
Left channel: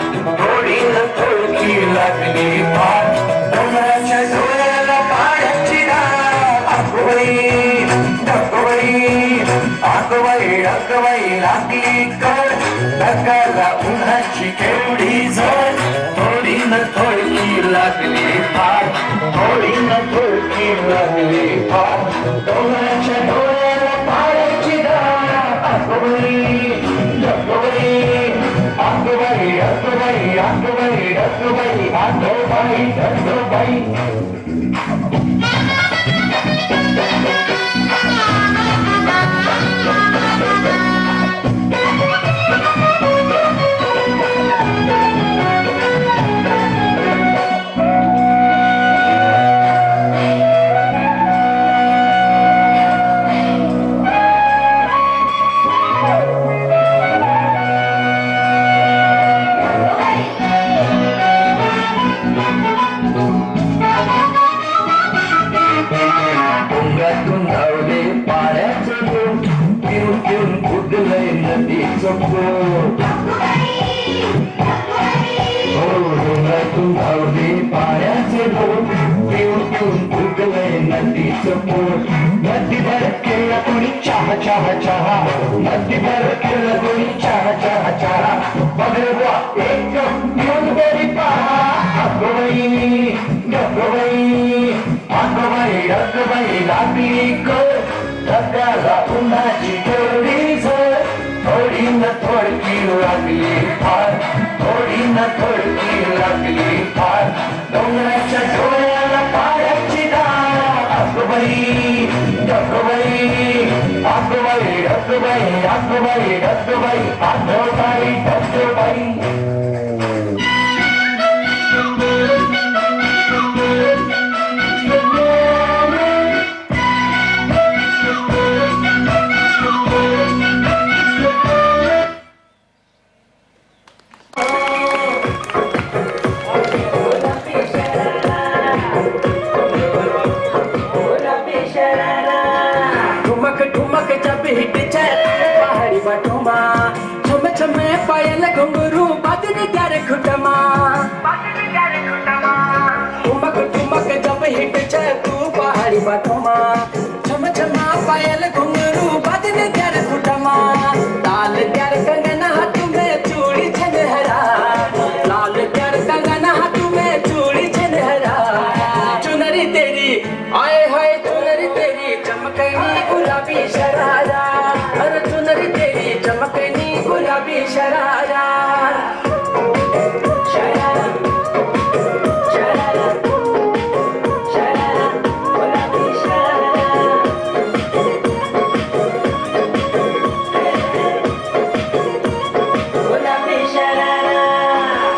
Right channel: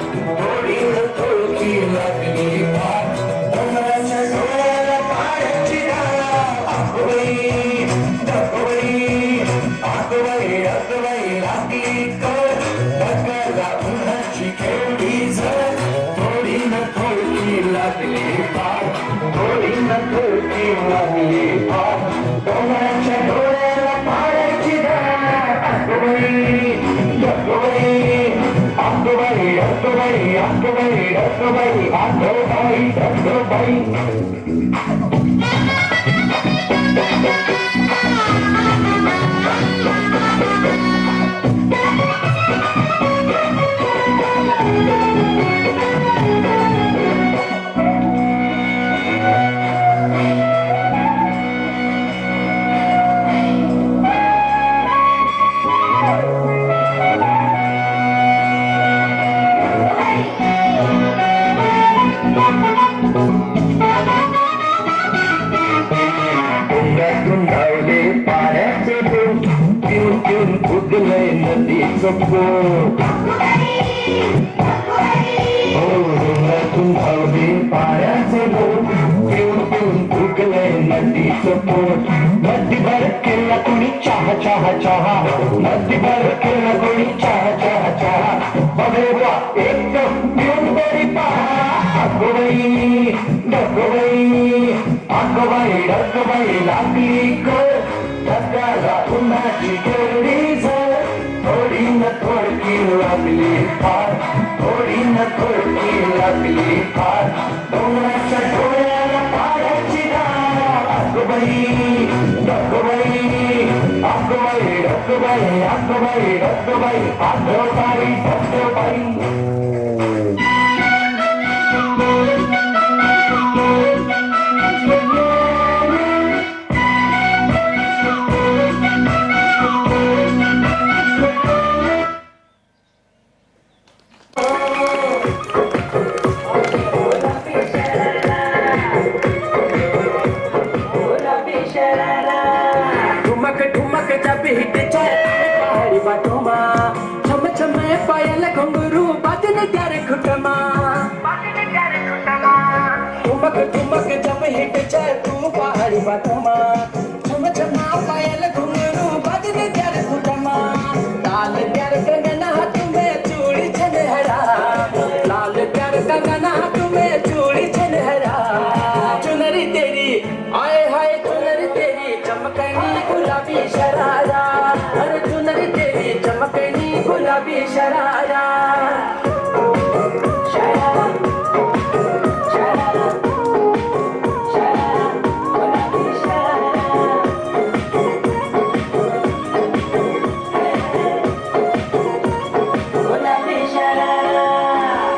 थोडी न थोडकी लागली फार. डोंगराच्या डोळ्याला पाण्याची धार. ढगबाई लागली कर ढगाला उन्हाची केवढी झळ. थोडी न थोडकी लागली फार, थोडी न थोडकी लागली फार. डोंगराच्या डोळ्याला पाण्याची धार. ढगबाई. नदी भर केला कोणी चहा चहा चहा. नदी भर केला कोणी चहा चहा चहा. बघा एक पिऊन तरी पहा. ढगबाई लागली कर ढगाला उन्हाची केवढी झळ. थोडी न थोडकी लागली फार, थोडी न थोडकी लागली फार. डोंगराच्या डोळ्याला पाण्याची धार. ठुमक ठुमकच्या पीठच्या पहाडी बाटोमा. छम छमे पायल घुंगरू बाजने क्यारे खुटमा. ठुमक ठुमकच्या पीठच्या तू पहाडी बाटोमा. छम छमा पायल घुंगरू बाजने क्यारे खुटमा. लाल त्यार कंगना तुम्हें चूड़ी छनहरा. लाल त्यार कंगना तुम्हें चूड़ी छनहरा. चुनरी तेरी आए हाय चुनरी तेरी चमकनी गुलाबी शरारा. अरे चुनरी तेरी चमकनी गुलाबी शरारा.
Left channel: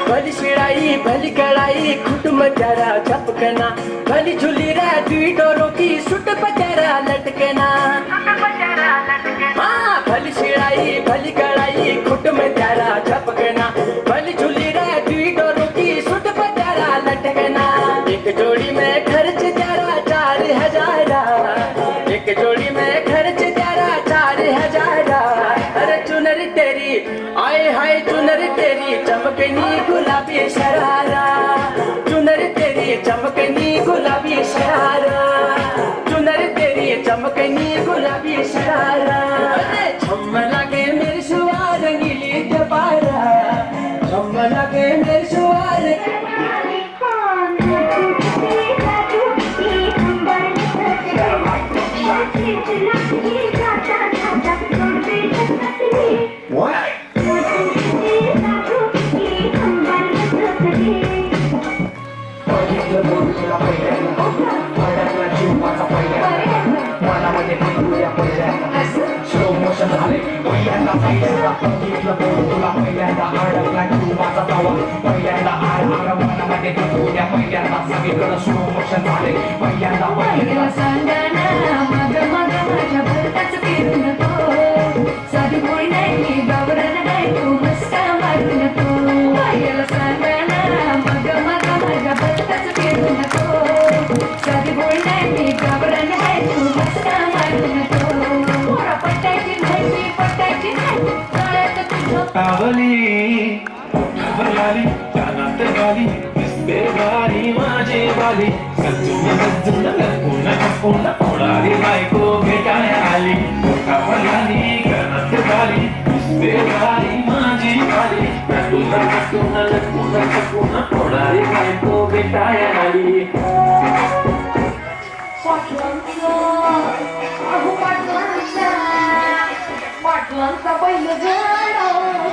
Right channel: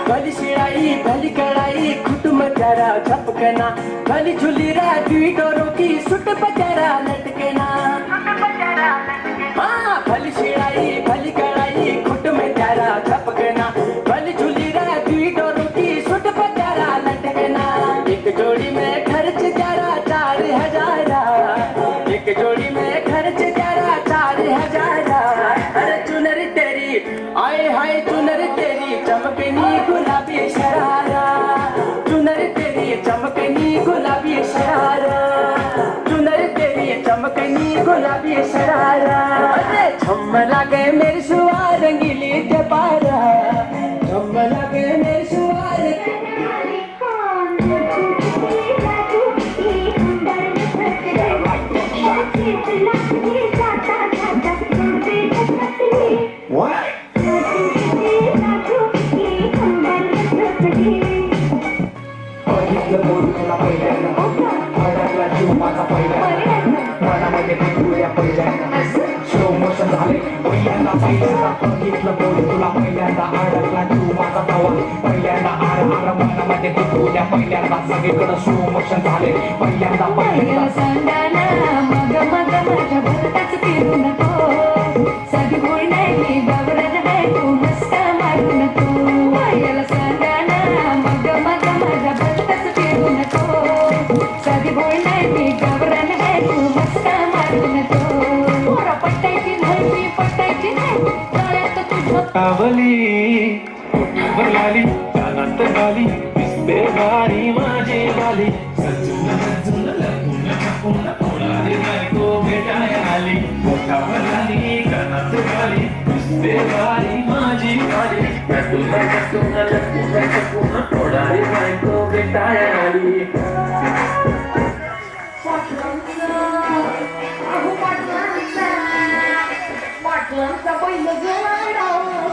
भली शिड़ाई भली कड़ाई खुटम जरा छपकना. भली झुली री डोरों की सुट पचारा लटकना. हाँ भली शिड़ाई भली कड़ाई खुट में जरा छपकना. भली झुली री डोरों की सुट पचारा लटकना. एक जोड़ी में खर्च जरा 4,000. एक जोड़ी में खर्च जरा 4,000. अरे चुनरी तेरी आए हाय चुनरी तेरी चमकनी गुलाबी शरारा. चुनरी तेरी चमकनी गुलाबी शरारा. चुनरी तेरी तुला पहिल्यांदा अडकला तू माझा प्रवास पहिल्यांदा मनामध्ये तुझ्या पहिल्यांदा सगळीकडे स्लो मोशन झाले पहिल्यांदा सांगाना मग मग माझ्या भरताच फिरू नको साधी गोळी नाही गावरान नाही तू मस्का मारू नको याला सांगाना मग मग माझ्या भरताच फिरू नको साधी गोळी नाही गावरान आहे तू मस्का मारू नको पोरा पटायची नाही पटायची नाही गळ्यात तुझं कावली कावलाली कानात गाली दिसते गाडी माझी वाली सजून सजून लपून छपून कोणाली बायको भेटाय आली कावलाली कानात गाली दिसते गाडी माझी वाली सजून सजून लपून छपून कोणाली बायको भेटाय आली पाटलांचा पहिलं झाड